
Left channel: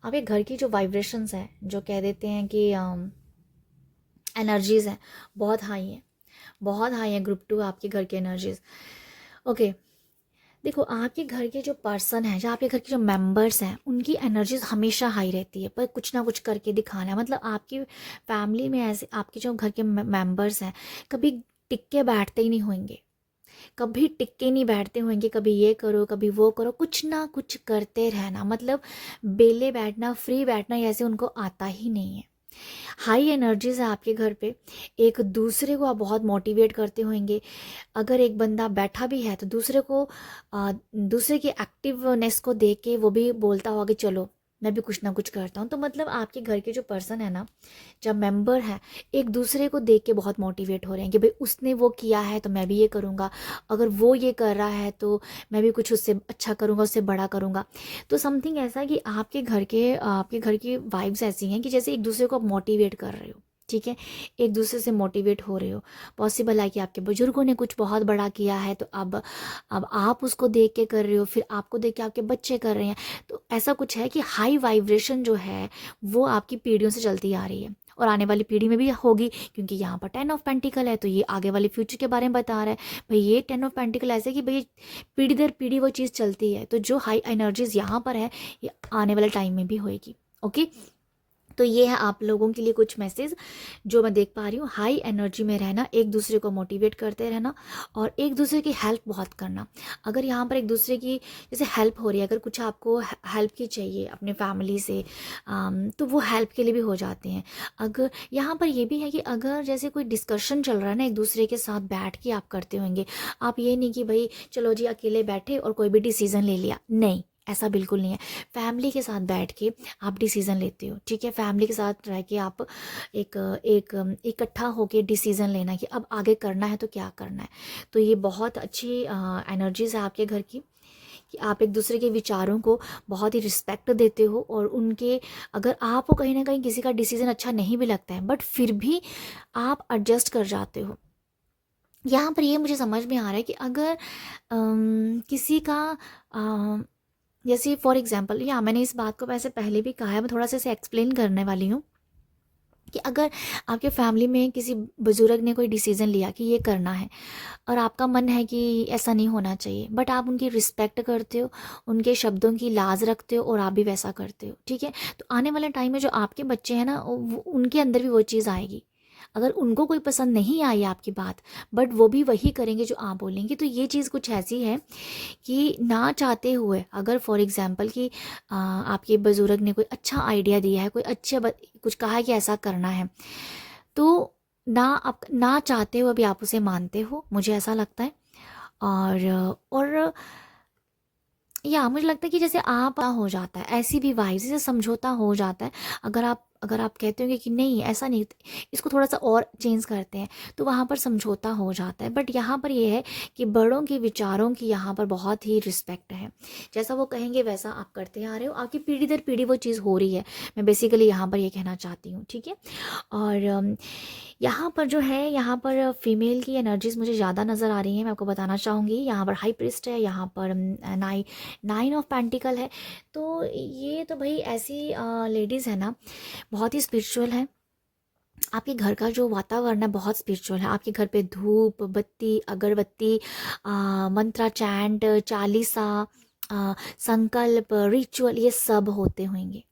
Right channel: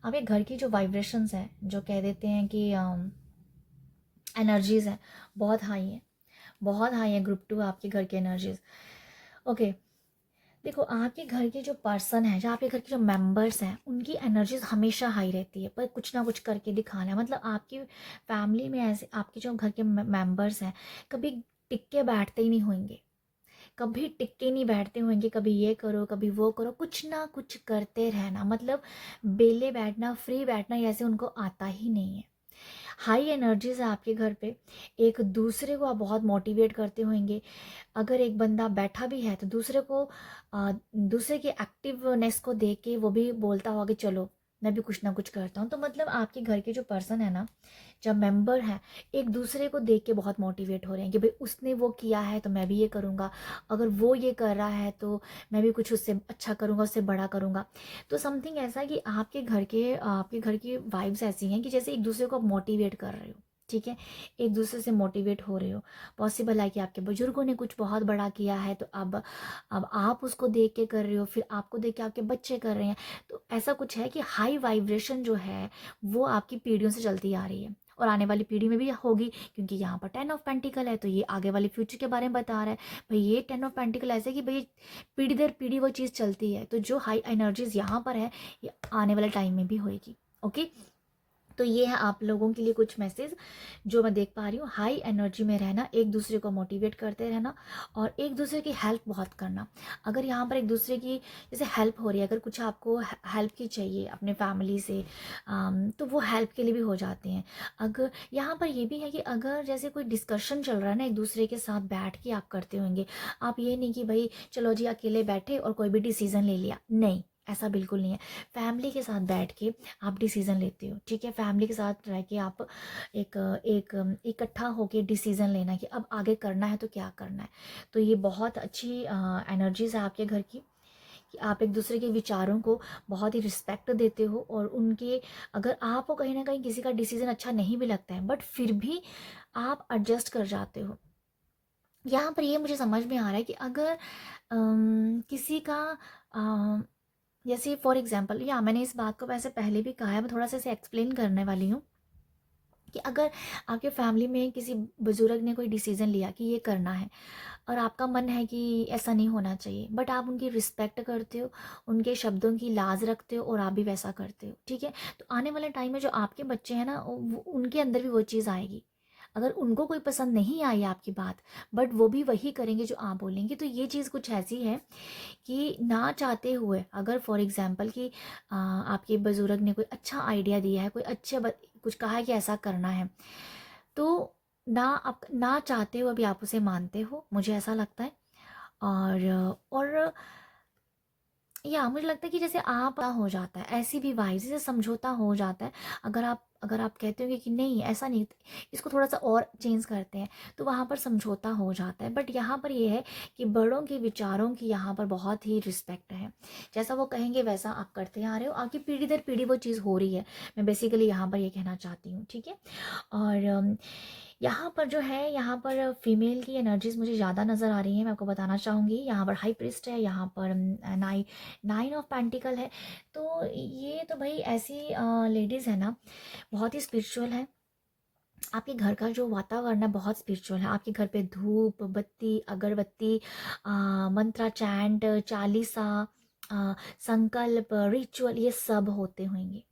आपके घर की जो वाइब्रेशंस हैं, जो कह देते हैं कि एनर्जीज़ हैं, बहुत हाई हैं, बहुत हाई है ग्रुप 2 आपके घर की एनर्जीज़। ओके, देखो आपके घर के जो पर्सन हैं, जो आपके घर के जो मेंबर्स हैं, उनकी एनर्जीज हमेशा हाई रहती है, पर कुछ ना कुछ करके दिखाना है। मतलब आपकी फैमिली में ऐसे आपके जो घर के मेंबर्स हैं कभी टिक के बैठते ही नहीं होंगे, कभी टिक के नहीं बैठते होंगे, कभी ये करो कभी वो करो, कुछ ना कुछ करते रहना। मतलब बेले बैठना, फ्री बैठना, ऐसे उनको आता ही नहीं है। हाई एनर्जीज है आपके घर पे। एक दूसरे को आप बहुत मोटिवेट करते होंगे। अगर एक बंदा बैठा भी है तो दूसरे की एक्टिवनेस को देख के वो भी बोलता होगा कि चलो मैं भी कुछ ना कुछ करता हूँ। तो मतलब आपके घर के जो पर्सन है ना, जब मेंबर हैं, एक दूसरे को देख के बहुत मोटिवेट हो रहे हैं कि भाई उसने वो किया है तो मैं भी ये करूँगा, अगर वो ये कर रहा है तो मैं भी कुछ उससे अच्छा करूँगा, उससे बड़ा करूँगा। तो समथिंग ऐसा है कि आपके घर की वाइब्स ऐसी हैं कि जैसे एक दूसरे को मोटिवेट कर रहे हो। ठीक है, एक दूसरे से मोटिवेट हो रहे हो। पॉसिबल है कि आपके बुजुर्गों ने कुछ बहुत बड़ा किया है तो अब आप उसको देख के कर रहे हो, फिर आपको देख के आपके बच्चे कर रहे हैं। तो ऐसा कुछ है कि हाई वाइब्रेशन जो है वो आपकी पीढ़ियों से चलती आ रही है और आने वाली पीढ़ी में भी होगी, क्योंकि यहाँ पर 10 ऑफ पेंटिकल है तो ये आगे वाले फ्यूचर के बारे में बता रहा है। भाई ये 10 ऑफ पेंटिकल ऐसे कि भाई पीढ़ी दर पीढ़ी वो चीज़ चलती है, तो जो हाई एनर्जीज यहाँ पर है ये आने वाले टाइम में भी होएगी। ओके, तो ये है आप लोगों के लिए कुछ मैसेज जो मैं देख पा रही हूँ। हाई एनर्जी में रहना, एक दूसरे को मोटिवेट करते रहना और एक दूसरे की हेल्प बहुत करना। अगर यहाँ पर एक दूसरे की जैसे हेल्प हो रही है, अगर कुछ आपको हेल्प की चाहिए अपने फैमिली से, तो वो हेल्प के लिए भी हो जाते हैं। अगर यहाँ पर ये भी है कि अगर जैसे कोई डिस्कशन चल रहा है ना, एक दूसरे के साथ बैठ के आप करते होंगे। आप ये नहीं कि भाई चलो जी अकेले बैठे और कोई भी डिसीज़न ले लिया, नहीं, ऐसा बिल्कुल नहीं है। फैमिली के साथ बैठ के आप डिसीज़न लेते हो। ठीक है, फैमिली के साथ रह के आप एक एक इकट्ठा होके डिसीज़न लेना कि अब आगे करना है तो क्या करना है। तो ये बहुत अच्छी एनर्जीज़ है आपके घर की कि आप एक दूसरे के विचारों को बहुत ही रिस्पेक्ट देते हो और उनके, अगर आपको कहीं ना कहीं किसी का डिसीज़न अच्छा नहीं भी लगता है बट फिर भी आप एडजस्ट कर जाते हो। यहाँ पर ये मुझे समझ में आ रहा है कि अगर किसी का जैसे फॉर एग्जांपल, या मैंने इस बात को वैसे पहले भी कहा है, मैं थोड़ा सा इसे एक्सप्लेन करने वाली हूँ कि अगर आपके फैमिली में किसी बुजुर्ग ने कोई डिसीज़न लिया कि ये करना है और आपका मन है कि ऐसा नहीं होना चाहिए, बट आप उनकी रिस्पेक्ट करते हो, उनके शब्दों की लाज रखते हो और आप भी वैसा करते हो। ठीक है, तो आने वाले टाइम में जो आपके बच्चे हैं ना, उनके अंदर भी वो चीज़ आएगी। अगर उनको कोई पसंद नहीं आई आपकी बात, बट वो भी वही करेंगे जो आप बोलेंगे। तो ये चीज़ कुछ ऐसी है कि ना चाहते हुए, अगर फॉर एग्जांपल कि आपके बुजुर्ग ने कोई अच्छा आइडिया दिया है, कोई कुछ कहा है कि ऐसा करना है, तो आप ना चाहते हुए भी आप उसे मानते हो, मुझे ऐसा लगता है। और या मुझे लगता है कि जैसे आप हो जाता है, ऐसी भी वाइब जैसे समझौता हो जाता है। अगर आप कहते होंगे कि नहीं ऐसा नहीं, इसको थोड़ा सा और चेंज करते हैं, तो वहाँ पर समझौता हो जाता है। बट यहाँ पर ये है कि बड़ों के विचारों की यहाँ पर बहुत ही रिस्पेक्ट है। जैसा वो कहेंगे वैसा आप करते आ रहे हो, आपकी पीढ़ी दर पीढ़ी वो चीज़ हो रही है। मैं बेसिकली यहाँ पर ये कहना चाहती हूँ। ठीक है, और यहाँ पर जो है, यहाँ पर फीमेल की एनर्जीज मुझे ज़्यादा नज़र आ रही हैं। मैं आपको बताना चाहूँगी, यहाँ पर हाई प्रिस्ट है, यहाँ पर नाइन ऑफ पेंटिकल है। तो ये तो भाई ऐसी लेडीज़ है ना, बहुत ही स्पिरिचुअल है, आपके घर का जो वातावरण है बहुत स्पिरिचुअल है। आपके घर पे धूप बत्ती, अगरबत्ती, मंत्रा चैंट, चालीसा, संकल्प, रिचुअल, ये सब होते होंगे,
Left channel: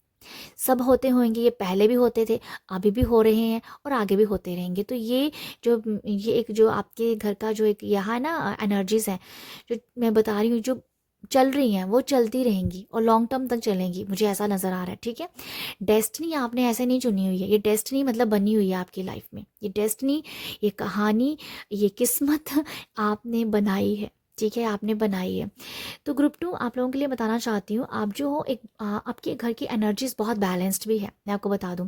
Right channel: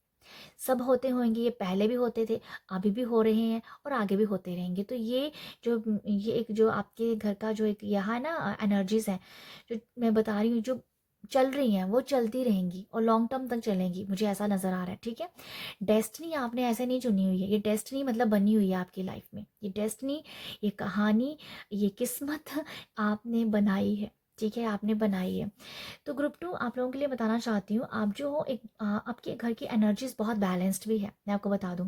सब होते होंगे। ये पहले भी होते थे, अभी भी हो रहे हैं और आगे भी होते रहेंगे। तो ये एक जो आपके घर का जो एक यहाँ ना एनर्जीज है, जो मैं बता रही हूँ, जो चल रही हैं वो चलती रहेंगी और लॉन्ग टर्म तक चलेंगी, मुझे ऐसा नज़र आ रहा है। ठीक है, डेस्टिनी आपने ऐसे नहीं चुनी हुई है, ये डेस्टिनी मतलब बनी हुई है आपकी लाइफ में। ये डेस्टिनी, ये कहानी, ये किस्मत आपने बनाई है। ठीक है, आपने बनाई है। तो ग्रुप 2 आप लोगों के लिए बताना चाहती हूँ, आप जो हो एक आपके घर की एनर्जीज बहुत बैलेंस्ड भी है। मैं आपको बता दूँ,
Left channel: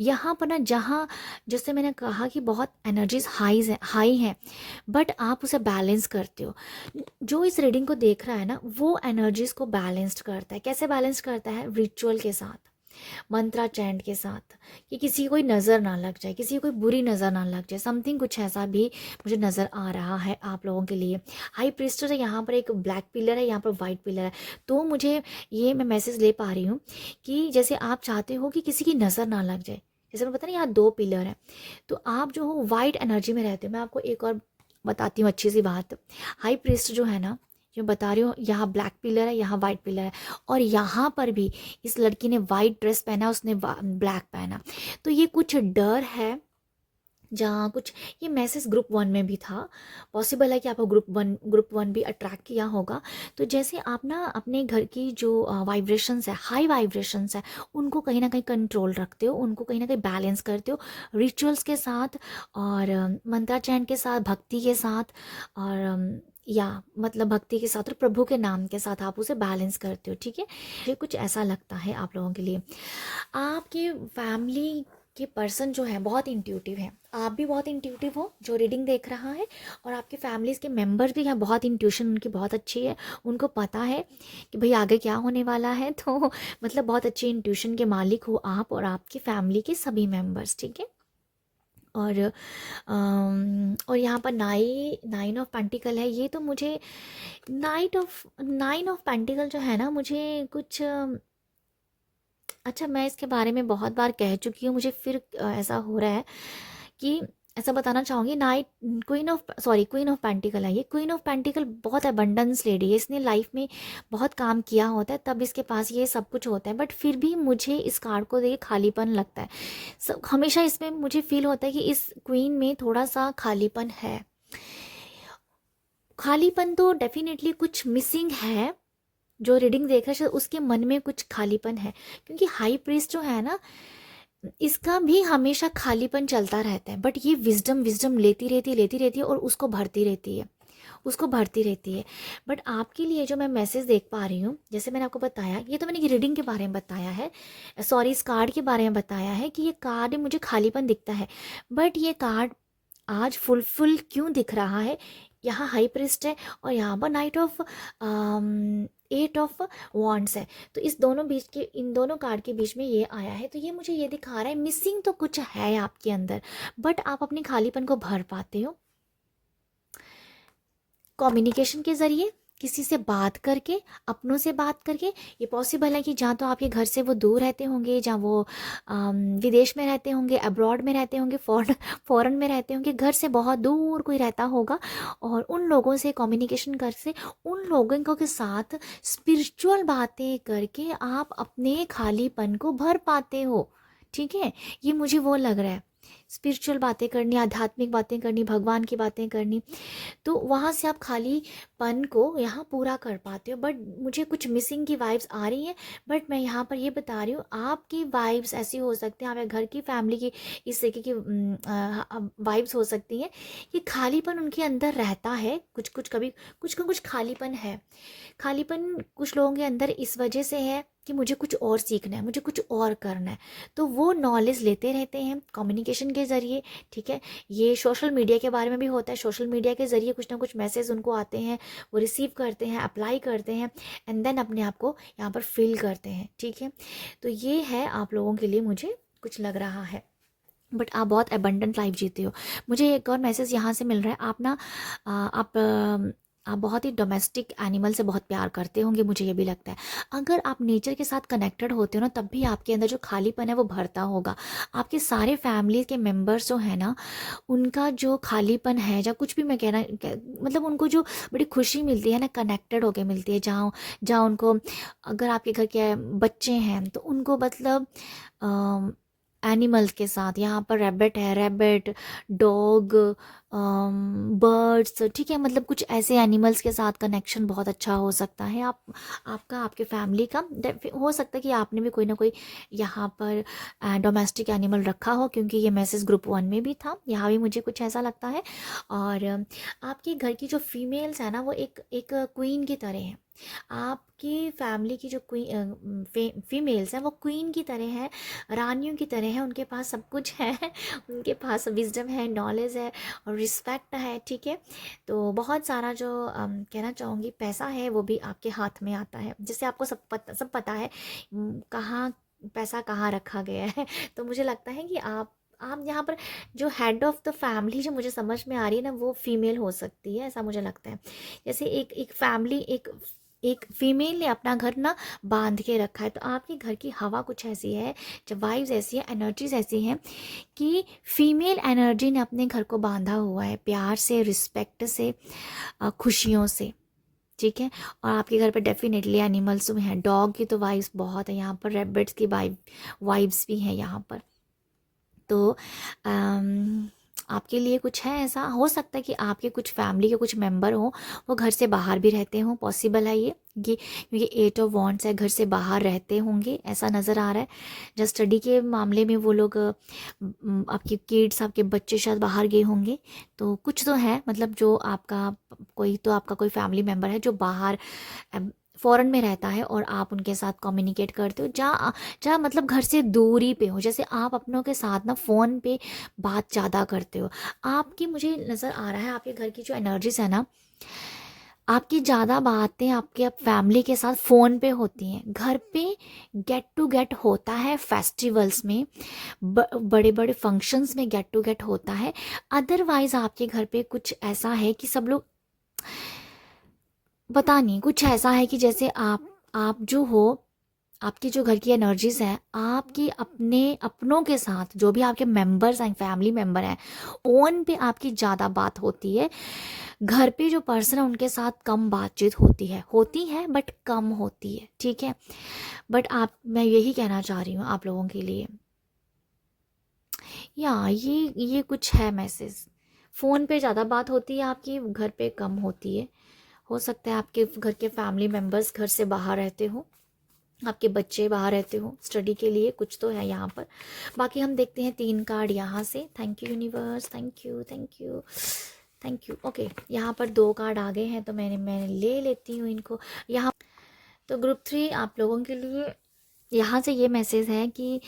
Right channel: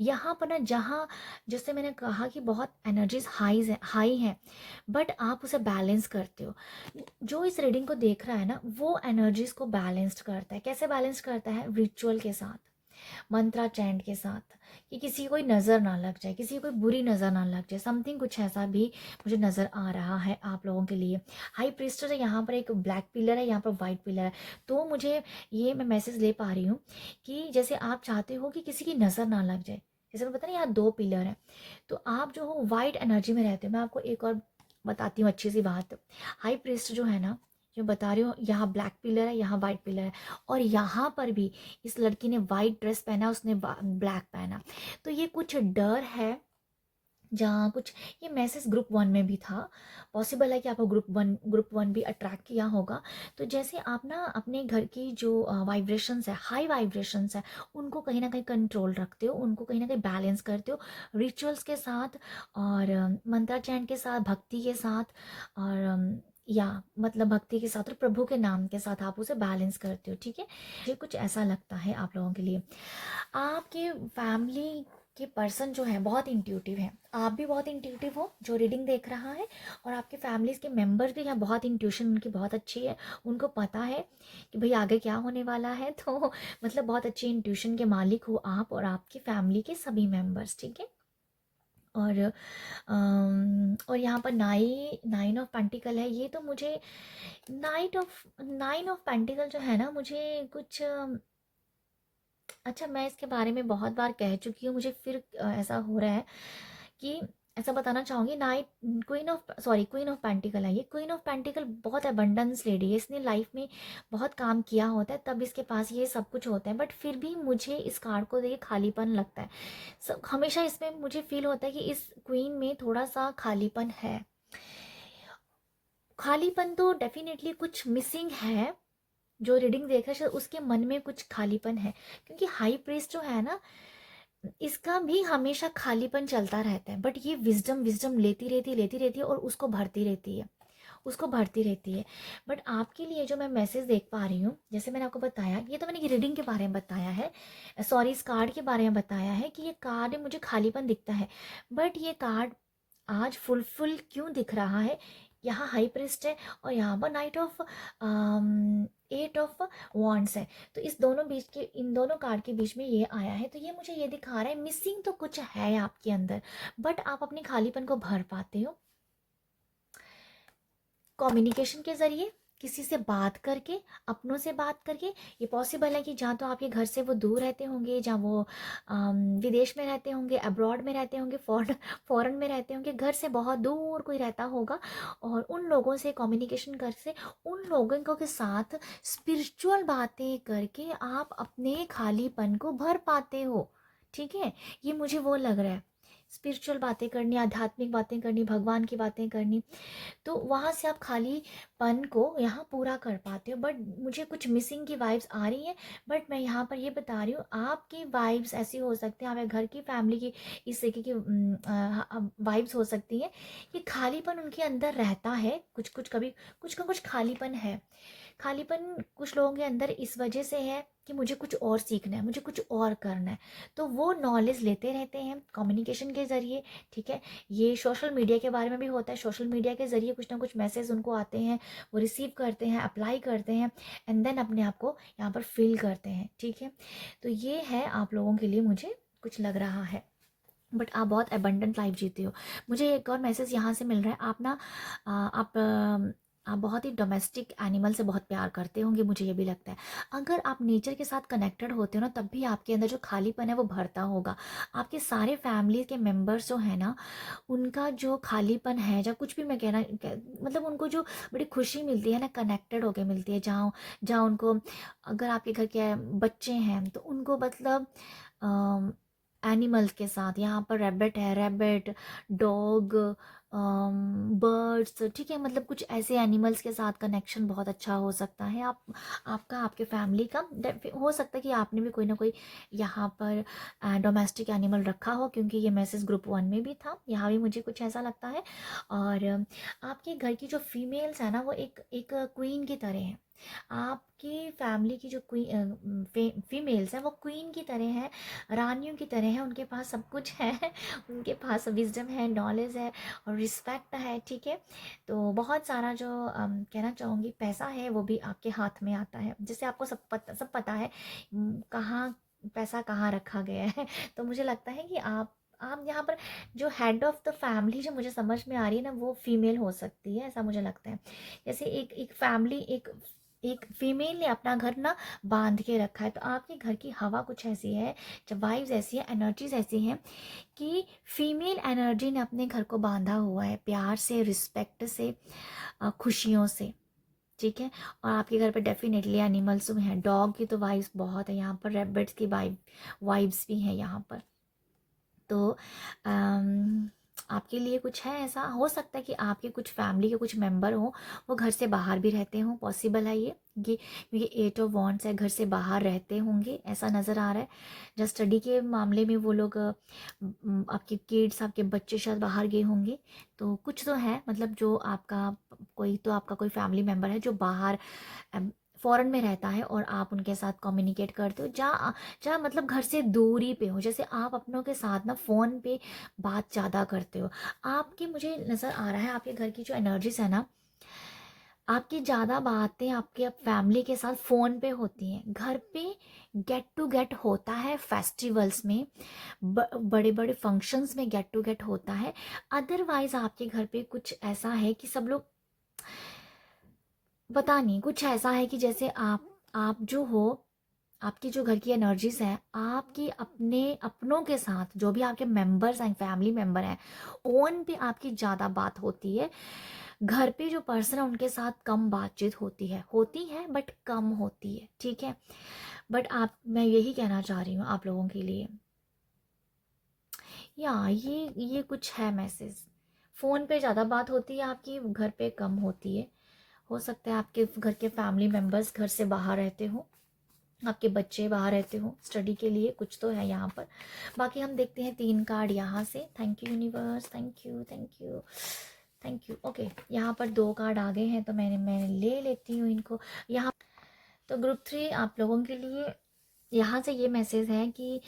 यहाँ पर ना, जहाँ जैसे मैंने कहा कि बहुत एनर्जीज हाई हैं, बट आप उसे बैलेंस करते हो। जो इस रीडिंग को देख रहा है ना, वो एनर्जीज को बैलेंस्ड करता है। कैसे बैलेंस करता है? रिचुअल के साथ, मंत्रा चैंट के साथ, कि किसी को कोई नज़र ना लग जाए, किसी को कोई बुरी नज़र ना लग जाए, समथिंग कुछ ऐसा भी मुझे नज़र आ रहा है आप लोगों के लिए। हाई प्रीस्टर है, यहाँ पर एक ब्लैक पिलर है, यहाँ पर वाइट पिलर है। तो मुझे ये मैं मैसेज ले पा रही हूँ कि जैसे आप चाहते हो कि किसी की नज़र ना लग जाए। जैसे मैं पता नहीं, यहाँ 2 पिलर है, तो आप जो हो वाइट एनर्जी में रहते हो। मैं आपको एक और बताती हूँ अच्छी सी बात। हाई प्रीस्ट जो है ना, जो बता रही हूँ, यहाँ ब्लैक पिलर है, यहाँ वाइट पिलर है, और यहाँ पर भी इस लड़की ने वाइट ड्रेस पहना, उसने ब्लैक पहना। तो ये कुछ डर है, जहाँ कुछ, ये मैसेज ग्रुप 1 में भी था। पॉसिबल है कि आपको ग्रुप 1 भी अट्रैक्ट किया होगा। तो जैसे आप ना अपने घर की जो वाइब्रेशंस है, हाई वाइब्रेशंस है, उनको कहीं ना कहीं कंट्रोल रखते हो, उनको कहीं ना कहीं बैलेंस करते हो रिचुअल्स के साथ, और मंत्राचरण के साथ, भक्ति के साथ, और या मतलब भक्ति के साथ और प्रभु के नाम के साथ आप उसे बैलेंस करते हो। ठीक है, ये कुछ ऐसा लगता है आप लोगों के लिए। आपके फैमिली के पर्सन जो है बहुत इंट्यूटिव है, आप भी बहुत इंट्यूटिव हो जो रीडिंग देख रहा है, और आपके फैमिलीज के मेंबर्स भी हैं, बहुत इंट्यूशन उनकी बहुत अच्छी है। उनको पता है कि भाई आगे क्या होने वाला है। तो मतलब बहुत अच्छी इंट्यूशन के मालिक हो आप और आपकी फैमिली के सभी मेंबर्स। ठीक है, और और यहाँ पर नाइन ऑफ पेंटिकल है। ये तो मुझे नाइन ऑफ पेंटिकल जो है ना, मुझे कुछ अच्छा, मैं इसके बारे में बहुत बार कह चुकी हूँ, मुझे फिर ऐसा हो रहा है कि ऐसा बताना चाहूँगी। क्वीन ऑफ पेंटिकल है। ये क्वीन ऑफ पेंटिकल बहुत अबंडेंस लेडी है, इसने लाइफ में बहुत काम किया होता है, तब इसके पास ये सब कुछ होता है। बट फिर भी मुझे इस कार्ड को देख खालीपन लगता है। हमेशा इसमें मुझे फील होता है कि इस क्वीन में थोड़ा सा खालीपन है। खालीपन तो डेफिनेटली कुछ मिसिंग है। जो रीडिंग देख रहा है शायद उसके मन में कुछ खालीपन है, क्योंकि हाई प्रीस्ट जो है ना, इसका भी हमेशा खालीपन चलता रहता है। बट ये विजडम विजडम लेती रहती है और उसको भरती रहती है, उसको भरती रहती है। बट आपके लिए जो मैं मैसेज देख पा रही हूँ, जैसे मैंने आपको बताया, ये तो मैंने रीडिंग के बारे में बताया है, सॉरी इस कार्ड के बारे में बताया है कि ये कार्ड मुझे खालीपन दिखता है। बट ये कार्ड आज फुलफिल क्यों दिख रहा है? यहाँ हाई प्रिस्ट है और यहाँ पर नाइट ऑफ 8 ऑफ वॉन्ड्स है। तो इस दोनों बीच के, इन दोनों कार्ड के बीच में ये आया है। तो ये मुझे ये दिखा रहा है मिसिंग तो कुछ है आपके अंदर, बट आप अपने खालीपन को भर पाते हो कम्युनिकेशन के ज़रिए, किसी से बात करके, अपनों से बात करके। ये पॉसिबल है कि जहाँ तो आपके घर से वो दूर रहते होंगे, जहाँ वो विदेश में रहते होंगे, अब्रॉड में रहते होंगे, फॉरेन में रहते होंगे, घर से बहुत दूर कोई रहता होगा, और उन लोगों से कम्युनिकेशन कर से, उन लोगों को के साथ स्पिरिचुअल बातें करके आप अपने खालीपन को भर पाते हो। ठीक है, ये मुझे वो लग रहा है। स्पिरिचुअल बातें करनी, आध्यात्मिक बातें करनी, भगवान की बातें करनी, तो वहाँ से आप खालीपन को यहाँ पूरा कर पाते हो। बट मुझे कुछ मिसिंग की वाइब्स आ रही हैं। बट मैं यहाँ पर ये बता रही हूँ, आपकी वाइब्स ऐसी हो सकती हैं, आपके घर की फैमिली की इस तरीके की वाइब्स हो सकती हैं कि खालीपन उनके अंदर रहता है, कुछ कुछ कभी कुछ का कुछ खालीपन है। खालीपन कुछ लोगों के अंदर इस वजह से है कि मुझे कुछ और सीखना है, मुझे कुछ और करना है, तो वो नॉलेज लेते रहते हैं कम्युनिकेशन के ज़रिए। ठीक है, ये सोशल मीडिया के बारे में भी होता है, सोशल मीडिया के ज़रिए कुछ ना कुछ मैसेज उनको आते हैं, वो रिसीव करते हैं, अप्लाई करते हैं, एंड देन अपने आप को यहाँ पर फिल करते हैं। ठीक है, तो ये है आप लोगों के लिए, मुझे कुछ लग रहा है। बट आप बहुत एबंडेंट लाइफ जीते हो। मुझे एक और मैसेज यहाँ से मिल रहा है, आप ना आप आप बहुत ही डोमेस्टिक एनिमल से बहुत प्यार करते होंगे, मुझे ये भी लगता है। अगर आप नेचर के साथ कनेक्टेड होते हो ना, तब भी आपके अंदर जो खालीपन है वो भरता होगा। आपके सारे फैमिली के मेंबर्स जो है ना, उनका जो खालीपन है, या कुछ भी मैं मतलब उनको जो बड़ी खुशी मिलती है ना, कनेक्टेड होके मिलती है, जहाँ जहाँ उनको, अगर आपके घर के बच्चे हैं तो उनको मतलब एनिमल्स के साथ, यहाँ पर रैबिट है, रैबिट, डॉग, बर्ड्स, ठीक है, मतलब कुछ ऐसे एनिमल्स के साथ कनेक्शन बहुत अच्छा हो सकता है। आप आपका आपके फैमिली का हो सकता है कि आपने भी कोई ना कोई यहाँ पर डोमेस्टिक एनिमल रखा हो, क्योंकि ये मैसेज ग्रुप 1 में भी था, यहाँ भी मुझे कुछ ऐसा लगता है। और आपके घर की जो फीमेल्स है ना, वो एक एक क्वीन की तरह है। आपकी फैमिली की जो फीमेल्स हैं वो क्वीन की तरह है, रानियों की तरह है। उनके पास सब कुछ है उनके पास विजडम है, नॉलेज है और रिस्पेक्ट है, ठीक है। तो बहुत सारा जो कहना चाहूँगी पैसा है वो भी आपके हाथ में आता है, जैसे आपको सब पता है कहाँ पैसा कहाँ रखा गया है। तो मुझे लगता है कि आप यहाँ पर जो हेड ऑफ द फैमिली जो मुझे समझ में आ रही है ना, वो फीमेल हो सकती है, ऐसा मुझे लगता है। जैसे एक एक फैमिली, एक एक फीमेल ने अपना घर ना बांध के रखा है, तो आपके घर की हवा कुछ ऐसी है, जब वाइब्स ऐसी है, एनर्जीज ऐसी हैं कि फीमेल एनर्जी ने अपने घर को बांधा हुआ है, प्यार से, रिस्पेक्ट से, खुशियों से, ठीक है। और आपके घर पे डेफिनेटली एनिमल्स भी हैं, डॉग की तो वाइब्स बहुत है यहाँ पर, रैबिट्स की वाइब्स भी हैं यहाँ पर। तो आपके लिए कुछ है, ऐसा हो सकता है कि आपके कुछ फैमिली के कुछ मेंबर हों, वो घर से बाहर भी रहते हों, पॉसिबल है ये कि, क्योंकि 8 ऑफ वॉन्ड्स है, घर से बाहर रहते होंगे ऐसा नज़र आ रहा है। जब स्टडी के मामले में वो लोग आपके किड्स, आपके बच्चे शायद बाहर गए होंगे, तो कुछ तो है, मतलब जो आपका कोई फैमिली मेम्बर है जो बाहर फ़ॉरेन में रहता है, और आप उनके साथ कम्युनिकेट करते हो, जहाँ जहाँ मतलब घर से दूरी पे हो। जैसे आप अपनों के साथ ना फ़ोन पे बात ज़्यादा करते हो, आपकी, मुझे नज़र आ रहा है आपके घर की जो एनर्जीज है ना, आपकी ज़्यादा बातें आपके फैमिली के साथ फ़ोन पे होती हैं। घर पे गेट टू गेट होता है फेस्टिवल्स में, बड़े बड़े फंक्शंस में गेट टू गेट होता है। अदरवाइज़ आपके घर पे कुछ ऐसा है कि सब लोग, पता नहीं, कुछ ऐसा है कि जैसे आप जो हो, आपकी जो घर की एनर्जीज हैं, आपकी अपनों के साथ जो भी आपके मेंबर्स हैं, फैमिली मेंबर हैं, ओन पे आपकी ज़्यादा बात होती है। घर पे जो पर्सन है उनके साथ कम बातचीत होती है बट कम होती है, ठीक है। बट मैं यही कहना चाह रही हूँ आप लोगों के लिए, या ये कुछ है मैसेज। फ़ोन पे ज़्यादा बात होती है आपकी, घर पे कम होती है। हो सकता है आपके घर के फैमिली मेंबर्स घर से बाहर रहते हो, आपके बच्चे बाहर रहते हो स्टडी के लिए, कुछ तो है यहाँ पर। बाकी हम देखते हैं 3 कार्ड यहाँ से। Thank you universe, thank you, thank you, thank you. Okay, यहाँ पर 2 कार्ड आ गए हैं, तो मैं ले लेती हूँ इनको यहाँ। तो ग्रुप 3 आप लोगों के लिए यहाँ से ये मैसेज है कि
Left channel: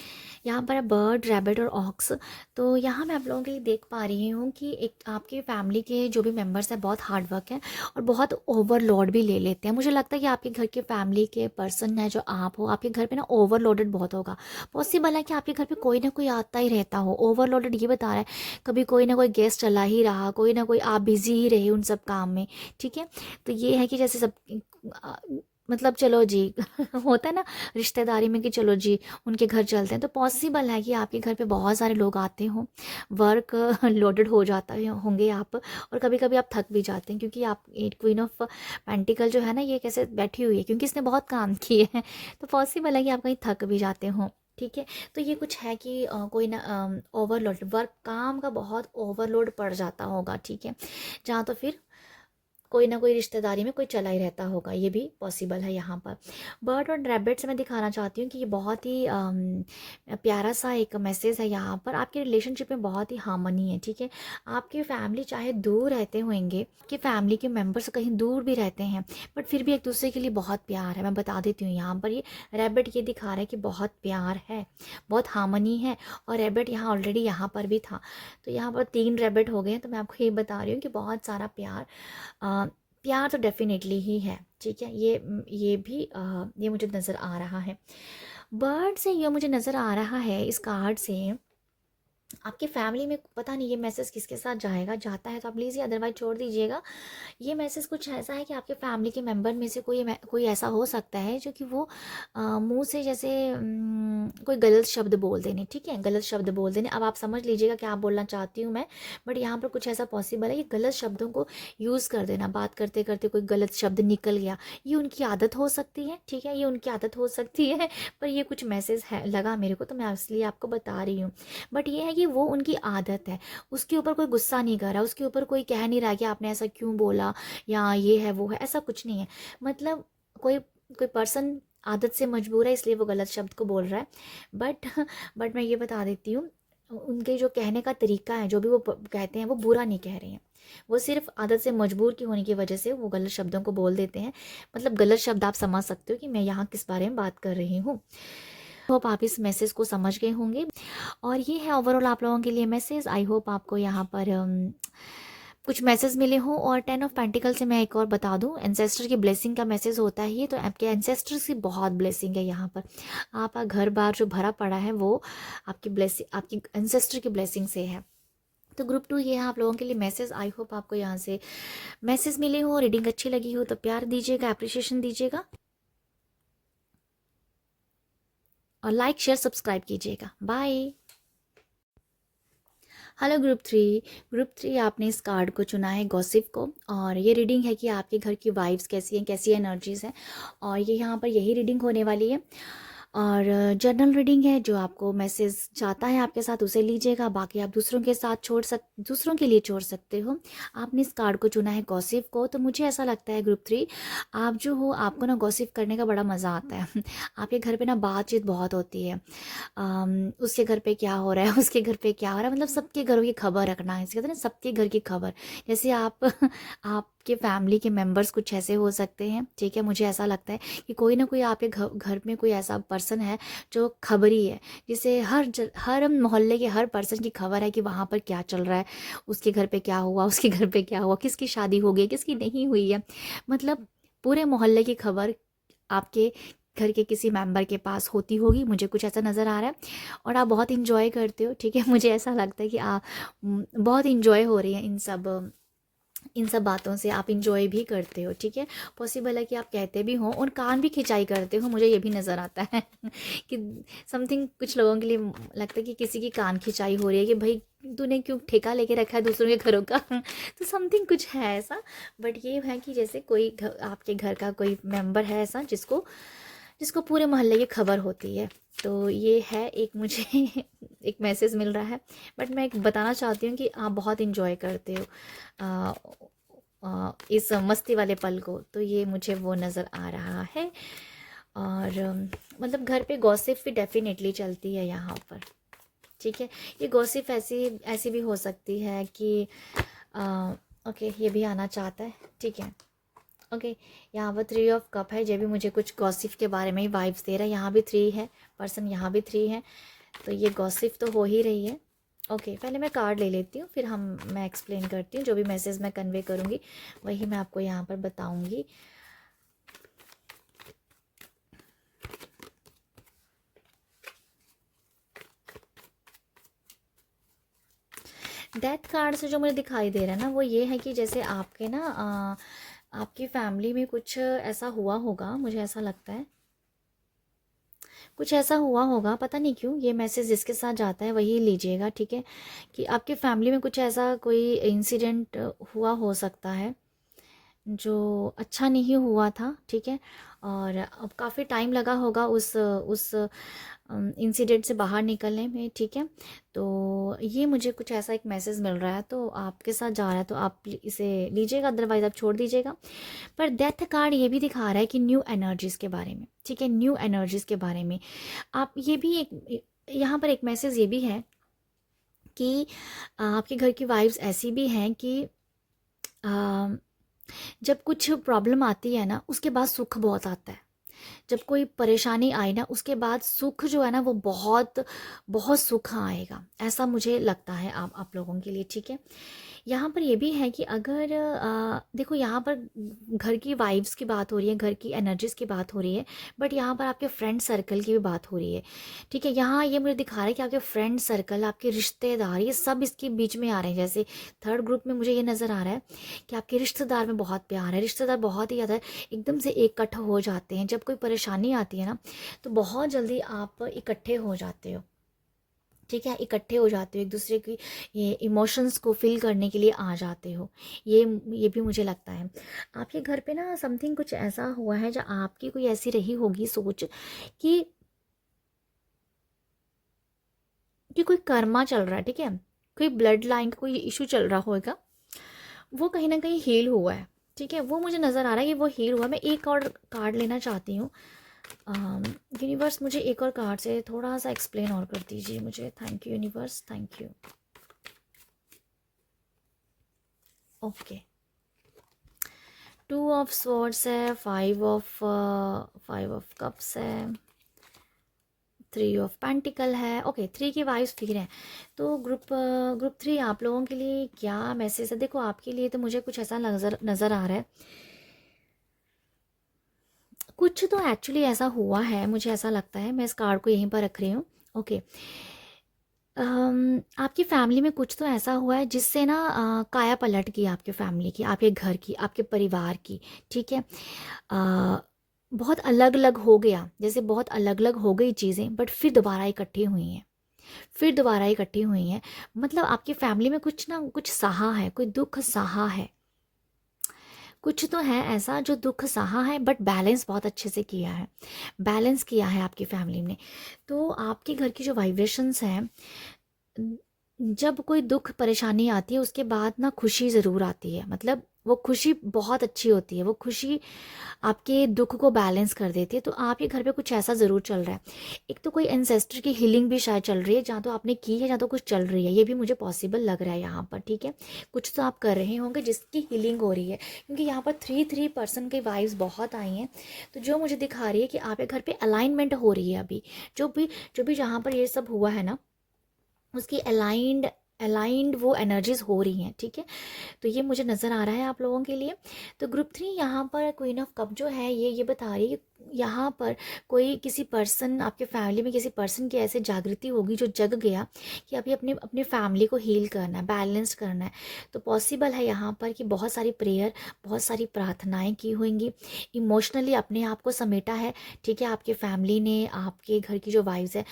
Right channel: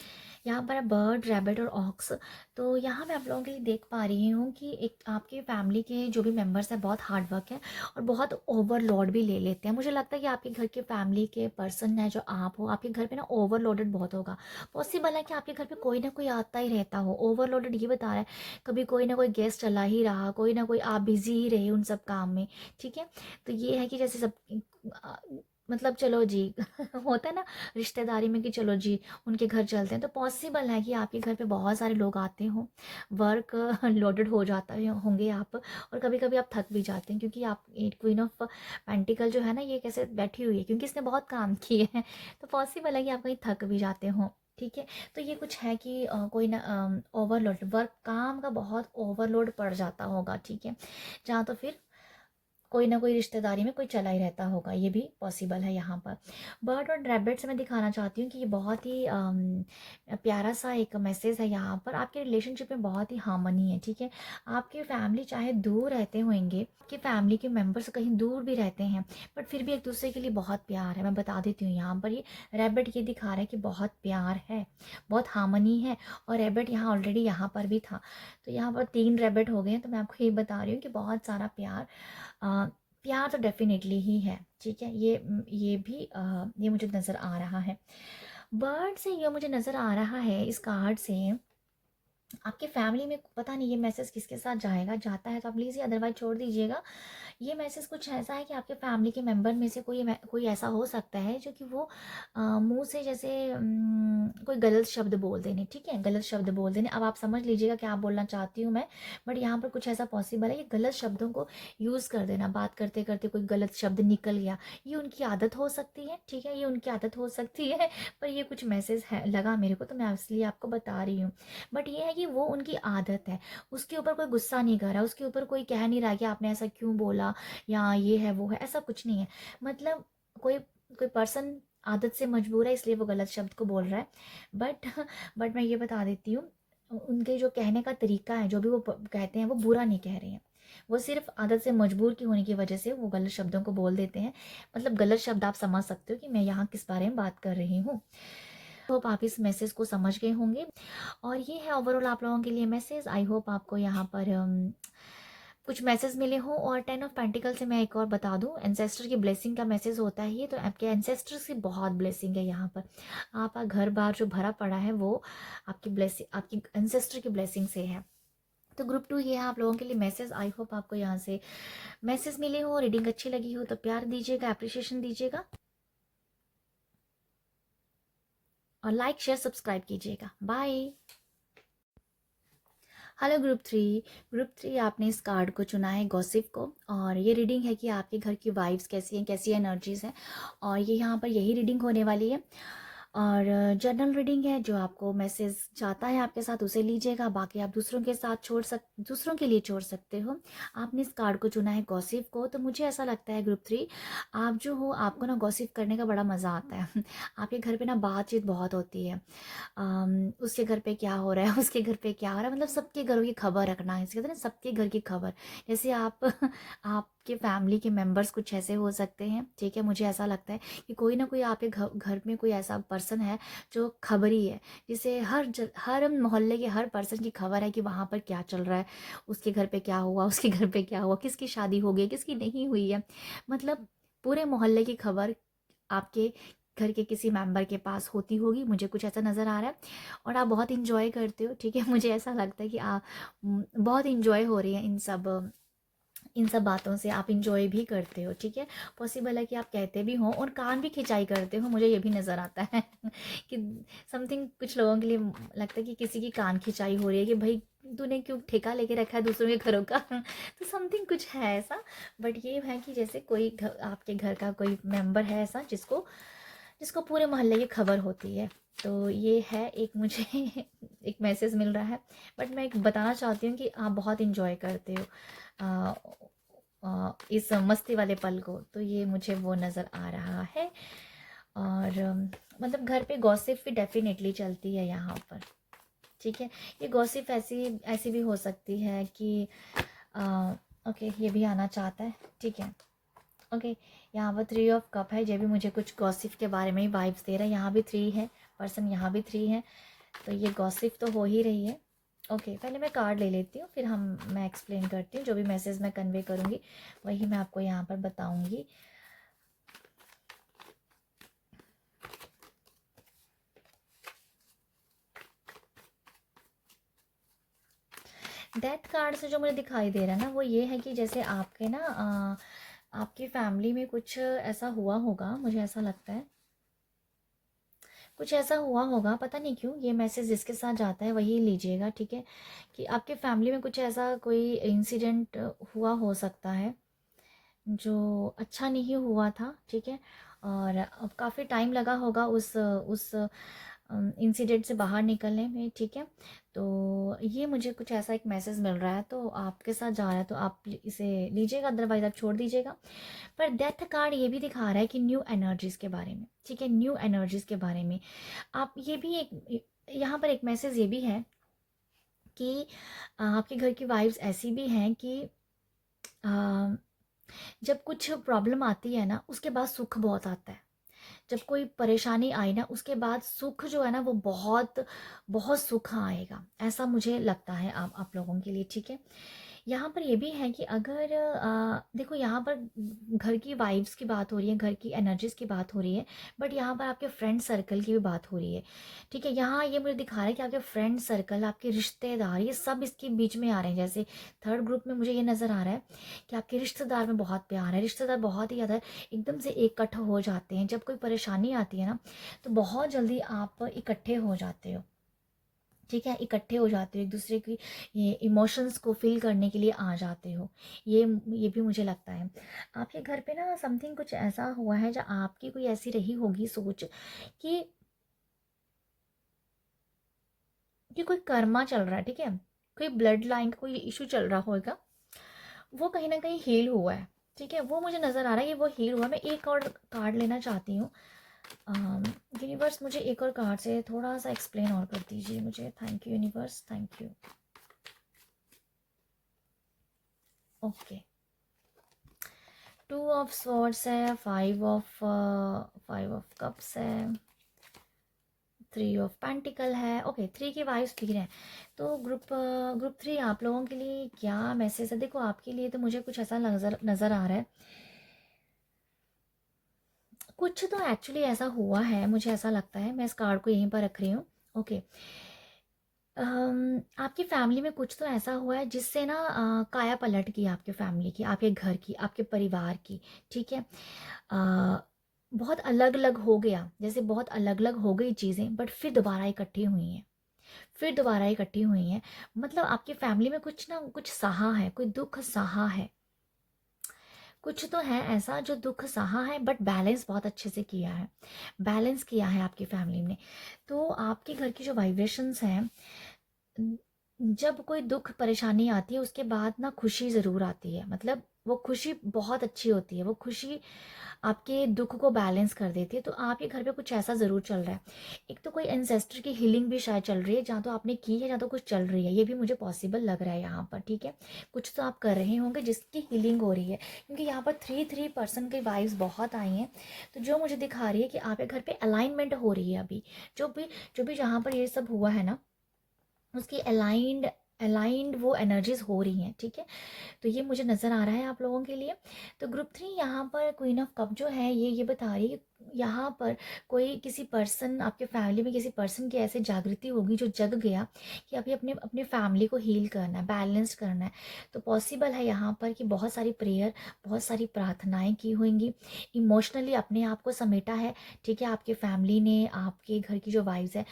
यहाँ पर बर्ड, रैबिट और ऑक्स। तो यहाँ मैं आप लोगों के लिए देख पा रही हूँ कि एक आपके फैमिली के जो भी मेंबर्स हैं बहुत हार्ड वर्क है और बहुत ओवरलोड भी ले लेते हैं। मुझे लगता है कि आपके घर के फैमिली के पर्सन है जो आप हो, आपके घर पे ना ओवरलोडेड बहुत होगा। पॉसिबल है कि आपके घर पे कोई ना कोई आता ही रहता हो। ओवरलोडेड ये बता रहा है कभी कोई ना कोई गेस्ट चला ही रहा, कोई ना कोई, आप बिजी ही रहे उन सब काम में, ठीक है। तो ये है कि जैसे सब मतलब चलो जी होता है ना रिश्तेदारी में कि चलो जी उनके घर चलते हैं, तो पॉसिबल है कि आपके घर पे बहुत सारे लोग आते हों, वर्क लोडेड हो जाता है होंगे आप, और कभी कभी आप थक भी जाते हैं, क्योंकि आप एक क्वीन ऑफ पेंटिकल जो है ना, ये कैसे बैठी हुई है क्योंकि इसने बहुत काम किए हैं, तो पॉसिबल है कि आप कहीं थक भी जाते हों, ठीक है। तो ये कुछ है कि कोई ना ओवरलोड वर्क, काम का बहुत ओवरलोड पड़ जाता होगा, ठीक है, जहाँ तो फिर कोई ना कोई रिश्तेदारी में कोई चला ही रहता होगा, ये भी पॉसिबल है यहाँ पर। बर्ड और रैबिट से मैं दिखाना चाहती हूँ कि ये बहुत ही प्यारा सा एक मैसेज है यहाँ पर। आपके रिलेशनशिप में बहुत ही हार्मनी है, ठीक है। आपकी फैमिली चाहे दूर रहते होंगे, आपकी फैमिली के मेंबर्स कहीं दूर भी रहते हैं, बट फिर भी एक दूसरे के लिए बहुत प्यार है। मैं बता देती हूँ यहाँ पर, ये रैबिट ये दिखा रहा है कि बहुत प्यार है, बहुत हार्मनी है। और रैबिट यहाँ ऑलरेडी यहाँ पर भी था, तो यहाँ पर 3 रैबिट हो गए हैं। तो मैं आपको ये बता रही हूँ कि बहुत सारा प्यार, प्यार तो डेफिनेटली ही है, ठीक है। ये भी ये मुझे नज़र आ रहा है। बर्ड से ये मुझे नज़र आ रहा है इस कार्ड से आपकी फैमिली में पता नहीं ये मैसेज किसके साथ जाएगा, जाता है तो आप लीजिए, अदरवाइज छोड़ दीजिएगा। ये मैसेज कुछ ऐसा है कि आपके फैमिली के मेंबर में से कोई ऐसा हो सकता है जो कि वो मुंह से जैसे कोई गलत शब्द बोल देने, ठीक है, गलत शब्द बोल देने। अब आप समझ लीजिएगा क्या बोलना चाहती हूँ मैं, बट यहाँ पर कुछ ऐसा पॉसिबल है कि गलत शब्दों को यूज़ कर देना, बात करते करते कोई गलत शब्द निकल गया, ये उनकी आदत हो सकती है, ठीक है, ये उनकी आदत हो सकती है। पर ये कुछ मैसेज है लगा मेरे को, तो मैं इसलिए आपको बता रही हूँ। बट ये है कि वो उनकी आदत है, उसके ऊपर कोई गुस्सा नहीं कर रहा, उसके ऊपर कोई कह नहीं रहा कि आपने ऐसा क्यों बोला या ये है वो है, ऐसा कुछ नहीं है। मतलब कोई कोई पर्सन आदत से मजबूर है इसलिए वो गलत शब्द को बोल रहा है। बट बट मैं ये बता देती हूँ, उनके जो कहने का तरीका है, जो भी वो कहते हैं, वो बुरा नहीं कह रहे हैं, वो सिर्फ आदत से मजबूर की होने की वजह से वो गलत शब्दों को बोल देते हैं। मतलब गलत शब्द आप समझ सकते हो कि मैं यहाँ किस बारे में बात कर रही हूँ। होप आप इस मैसेज को समझ गए होंगे। और ये है ओवरऑल आप लोगों के लिए मैसेज। आई होप आपको यहाँ पर कुछ मैसेज मिले हों। और 10 ऑफ पेंटिकल से मैं एक और बता दूं, एंसेस्टर की ब्लेसिंग का मैसेज होता है ये, तो आपके एंसेस्टर्स की बहुत ब्लेसिंग है यहाँ पर। आपका घर बार जो भरा पड़ा है वो आपकी ब्लेसिंग, आपकी एंसेस्टर की ब्लेसिंग से है। तो ग्रुप 2 ये है आप लोगों के लिए मैसेज। आई होप आपको यहाँ से मैसेज मिले हो, रीडिंग अच्छी लगी हो तो प्यार दीजिएगा, अप्रिशिएशन दीजिएगा, और लाइक शेयर सब्सक्राइब कीजिएगा। बाय। हेलो ग्रुप 3 आपने इस कार्ड को चुना है, गॉसिप को, और ये रीडिंग है कि आपके घर की वाइब्स कैसी हैं, कैसी एनर्जीज हैं, और ये यहाँ पर यही रीडिंग होने वाली है। और जर्नल रीडिंग है, जो आपको मैसेज जाता है आपके साथ उसे लीजिएगा, बाकी आप दूसरों के साथ दूसरों के लिए छोड़ सकते हो। आपने इस कार्ड को चुना है गॉसिप को, तो मुझे ऐसा लगता है ग्रुप 3 आप जो हो, आपको ना गॉसिप करने का बड़ा मज़ा आता है। आपके घर पे ना बातचीत बहुत होती है। उसके घर पे क्या हो रहा है, उसके घर पे क्या हो रहा है, मतलब सबके घरों की खबर रखना है, इसे कहते हैं ना, सबके घर की खबर। जैसे आप आपके फैमिली के मेंबर्स कुछ ऐसे हो सकते हैं, ठीक है, मुझे ऐसा लगता है कि कोई ना कोई आपके घर में कोई ऐसा पर्सन है जो खबरी है, जिसे हर मोहल्ले के हर पर्सन की खबर है कि वहाँ पर क्या चल रहा है, उसके घर पे क्या हुआ, उसके घर पे क्या हुआ, किसकी शादी हो गई, किसकी नहीं हुई है, मतलब पूरे मोहल्ले की खबर आपके घर के किसी मेंबर के पास होती होगी, मुझे कुछ ऐसा नज़र आ रहा है। और आप बहुत इंजॉय करते हो, ठीक है, मुझे ऐसा लगता है कि आप बहुत इंजॉय हो रही है इन सब बातों से, आप इंजॉय भी करते हो, ठीक है। पॉसिबल है कि आप कहते भी हो और कान भी खिंचाई करते हो, मुझे ये भी नज़र आता है कि समथिंग कुछ लोगों के लिए लगता है कि किसी की कान खिंचाई हो रही है कि भाई तूने क्यों ठेका लेके रखा है दूसरों के घरों का। तो समथिंग कुछ है ऐसा। बट ये है कि जैसे आपके घर का कोई मेंबर है ऐसा जिसको जिसको पूरे मोहल्ले की खबर होती है। तो ये है एक मुझे एक मैसेज मिल रहा है। बट मैं एक बताना चाहती हूँ कि आप बहुत इंजॉय करते हो इस मस्ती वाले पल को, तो ये मुझे वो नज़र आ रहा है। और मतलब घर पे गॉसिप भी डेफिनेटली चलती है यहाँ पर, ठीक है। ये गॉसिप ऐसी ऐसी भी हो सकती है कि ओके, ये भी आना चाहता है, ठीक है, ओके। यहाँ पर 3 ऑफ कप है, ये भी मुझे कुछ गॉसिप के बारे में ही वाइब्स दे रहा है। यहाँ भी 3 है पर्सन, यहाँ भी 3 है, तो ये गॉसिप तो हो ही रही है। ओके, पहले मैं कार्ड ले लेती हूँ, फिर मैं एक्सप्लेन करती हूँ, जो भी मैसेज मैं कन्वे करूँगी वही मैं आपको यहाँ पर बताऊँगी। डेथ कार्ड से जो मुझे दिखाई दे रहा है ना, वो ये है कि जैसे आपके ना आपकी फैमिली में कुछ ऐसा हुआ होगा, मुझे ऐसा लगता है कुछ ऐसा हुआ होगा, पता नहीं क्यों ये मैसेज जिसके साथ जाता है वही लीजिएगा, ठीक है। कि आपके फैमिली में कुछ ऐसा कोई इंसिडेंट हुआ हो सकता है जो अच्छा नहीं हुआ था, ठीक है। और अब काफ़ी टाइम लगा होगा उस इंसिडेंट से बाहर निकलने में, ठीक है। तो ये मुझे कुछ ऐसा एक मैसेज मिल रहा है, तो आपके साथ जा रहा है तो आप इसे लीजिएगा, अदरवाइज आप छोड़ दीजिएगा। पर डेथ कार्ड ये भी दिखा रहा है कि न्यू एनर्जीज़ के बारे में, ठीक है, न्यू एनर्जीज़ के बारे में। आप ये भी एक यहाँ पर एक मैसेज ये भी है कि आपके घर की वाइब्स ऐसी भी हैं कि जब कुछ प्रॉब्लम आती है ना, उसके बाद सुख बहुत आता है। जब कोई परेशानी आई ना, उसके बाद सुख जो है ना, वो बहुत बहुत सुख आएगा, ऐसा मुझे लगता है आप लोगों के लिए, ठीक है। यहाँ पर ये भी है कि अगर देखो यहाँ पर घर की वाइब्स की बात हो रही है, घर की एनर्जीज़ की बात हो रही है, बट यहाँ पर आपके फ्रेंड सर्कल की भी बात हो रही है। ठीक है, यहाँ ये मुझे दिखा रहा है कि आपके फ्रेंड सर्कल, आपके रिश्तेदार, ये सब इसके बीच में आ रहे हैं। जैसे थर्ड ग्रुप में मुझे ये नज़र आ रहा है कि आपके रिश्तेदार में बहुत प्यार है, रिश्तेदार बहुत ही ज़्यादा एकदम से इकट्ठा हो जाते हैं। जब कोई परेशानी आती है ना, तो बहुत जल्दी आप इकट्ठे हो जाते हो। ठीक है, इकट्ठे हो जाते हो, एक दूसरे की ये इमोशंस को फील करने के लिए आ जाते हो। ये भी मुझे लगता है। आपके घर पे ना समथिंग कुछ ऐसा हुआ है, जहाँ आपकी कोई ऐसी रही होगी सोच कि कोई कर्मा चल रहा है। ठीक है, कोई ब्लड लाइन का कोई इशू चल रहा होगा, वो कहीं ना कहीं हील हुआ है। ठीक है, वो मुझे नज़र आ रहा है कि वो हील हुआ है। मैं एक और कार्ड लेना चाहती हूँ। यूनिवर्स, मुझे एक और कार्ड से थोड़ा सा एक्सप्लेन और कर दीजिए मुझे। Thank you universe, thank you. Okay, 2 of swords है, 5 ऑफ कप्स है, 3 ऑफ पेंटिकल है। ओके, 3 की वाइब्स फिर है। तो ग्रुप 3 आप लोगों के लिए क्या मैसेज है? देखो, आपके लिए तो मुझे कुछ ऐसा नज़र नज़र आ रहा है, कुछ तो एक्चुअली ऐसा हुआ है, मुझे ऐसा लगता है। मैं इस कार्ड को यहीं पर रख रही हूँ। ओके, आपकी फैमिली में कुछ तो ऐसा हुआ है जिससे ना काया पलट गई आपके फैमिली की, आपके घर की, आपके परिवार की। ठीक है, बहुत अलग अलग हो गया, जैसे बहुत अलग अलग हो गई चीज़ें, बट फिर दोबारा इकट्ठी हुई हैं, फिर दोबारा इकट्ठी हुई हैं। मतलब आपकी फैमिली में कुछ ना कुछ सहा है, कोई दुख सहा है, कुछ तो है ऐसा जो दुख सहा है, बट बैलेंस बहुत अच्छे से किया है, बैलेंस किया है आपकी फैमिली ने। तो आपके घर की जो वाइब्रेशंस हैं, जब कोई दुख परेशानी आती है उसके बाद ना खुशी ज़रूर आती है। मतलब वो खुशी बहुत अच्छी होती है, वो खुशी आपके दुख को बैलेंस कर देती है। तो आपके घर पे कुछ ऐसा ज़रूर चल रहा है। एक तो कोई एंसेस्टर की हीलिंग भी शायद चल रही है, जहाँ तो आपने की है, जहाँ तो कुछ चल रही है। ये भी मुझे पॉसिबल लग रहा है यहाँ पर। ठीक है, कुछ तो आप कर रहे होंगे जिसकी हीलिंग हो रही है, क्योंकि यहाँ पर 3 की वाइब्स बहुत आई हैं। तो जो मुझे दिखा रही है कि आपके घर पे अलाइनमेंट हो रही है अभी। जो भी जहाँ पर ये सब हुआ है ना, उसकी अलाइंड अलाइंड वो एनर्जीज हो रही हैं। ठीक है, तो ये मुझे नज़र आ रहा है आप लोगों के लिए। तो ग्रुप 3 यहाँ पर क्वीन ऑफ कप जो है, ये बता रही है कि यहाँ पर कोई किसी पर्सन, आपके फैमिली में किसी पर्सन की ऐसे जागृति होगी जो जग गया कि अभी अपने अपने फैमिली को हील करना है, बैलेंस करना है। तो पॉसिबल है यहाँ पर कि बहुत सारी प्रेयर, बहुत सारी प्रार्थनाएं की होंगी, इमोशनली अपने आप को समेटा है। ठीक है, आपके फैमिली ने आपके घर की जो वाइब्स है,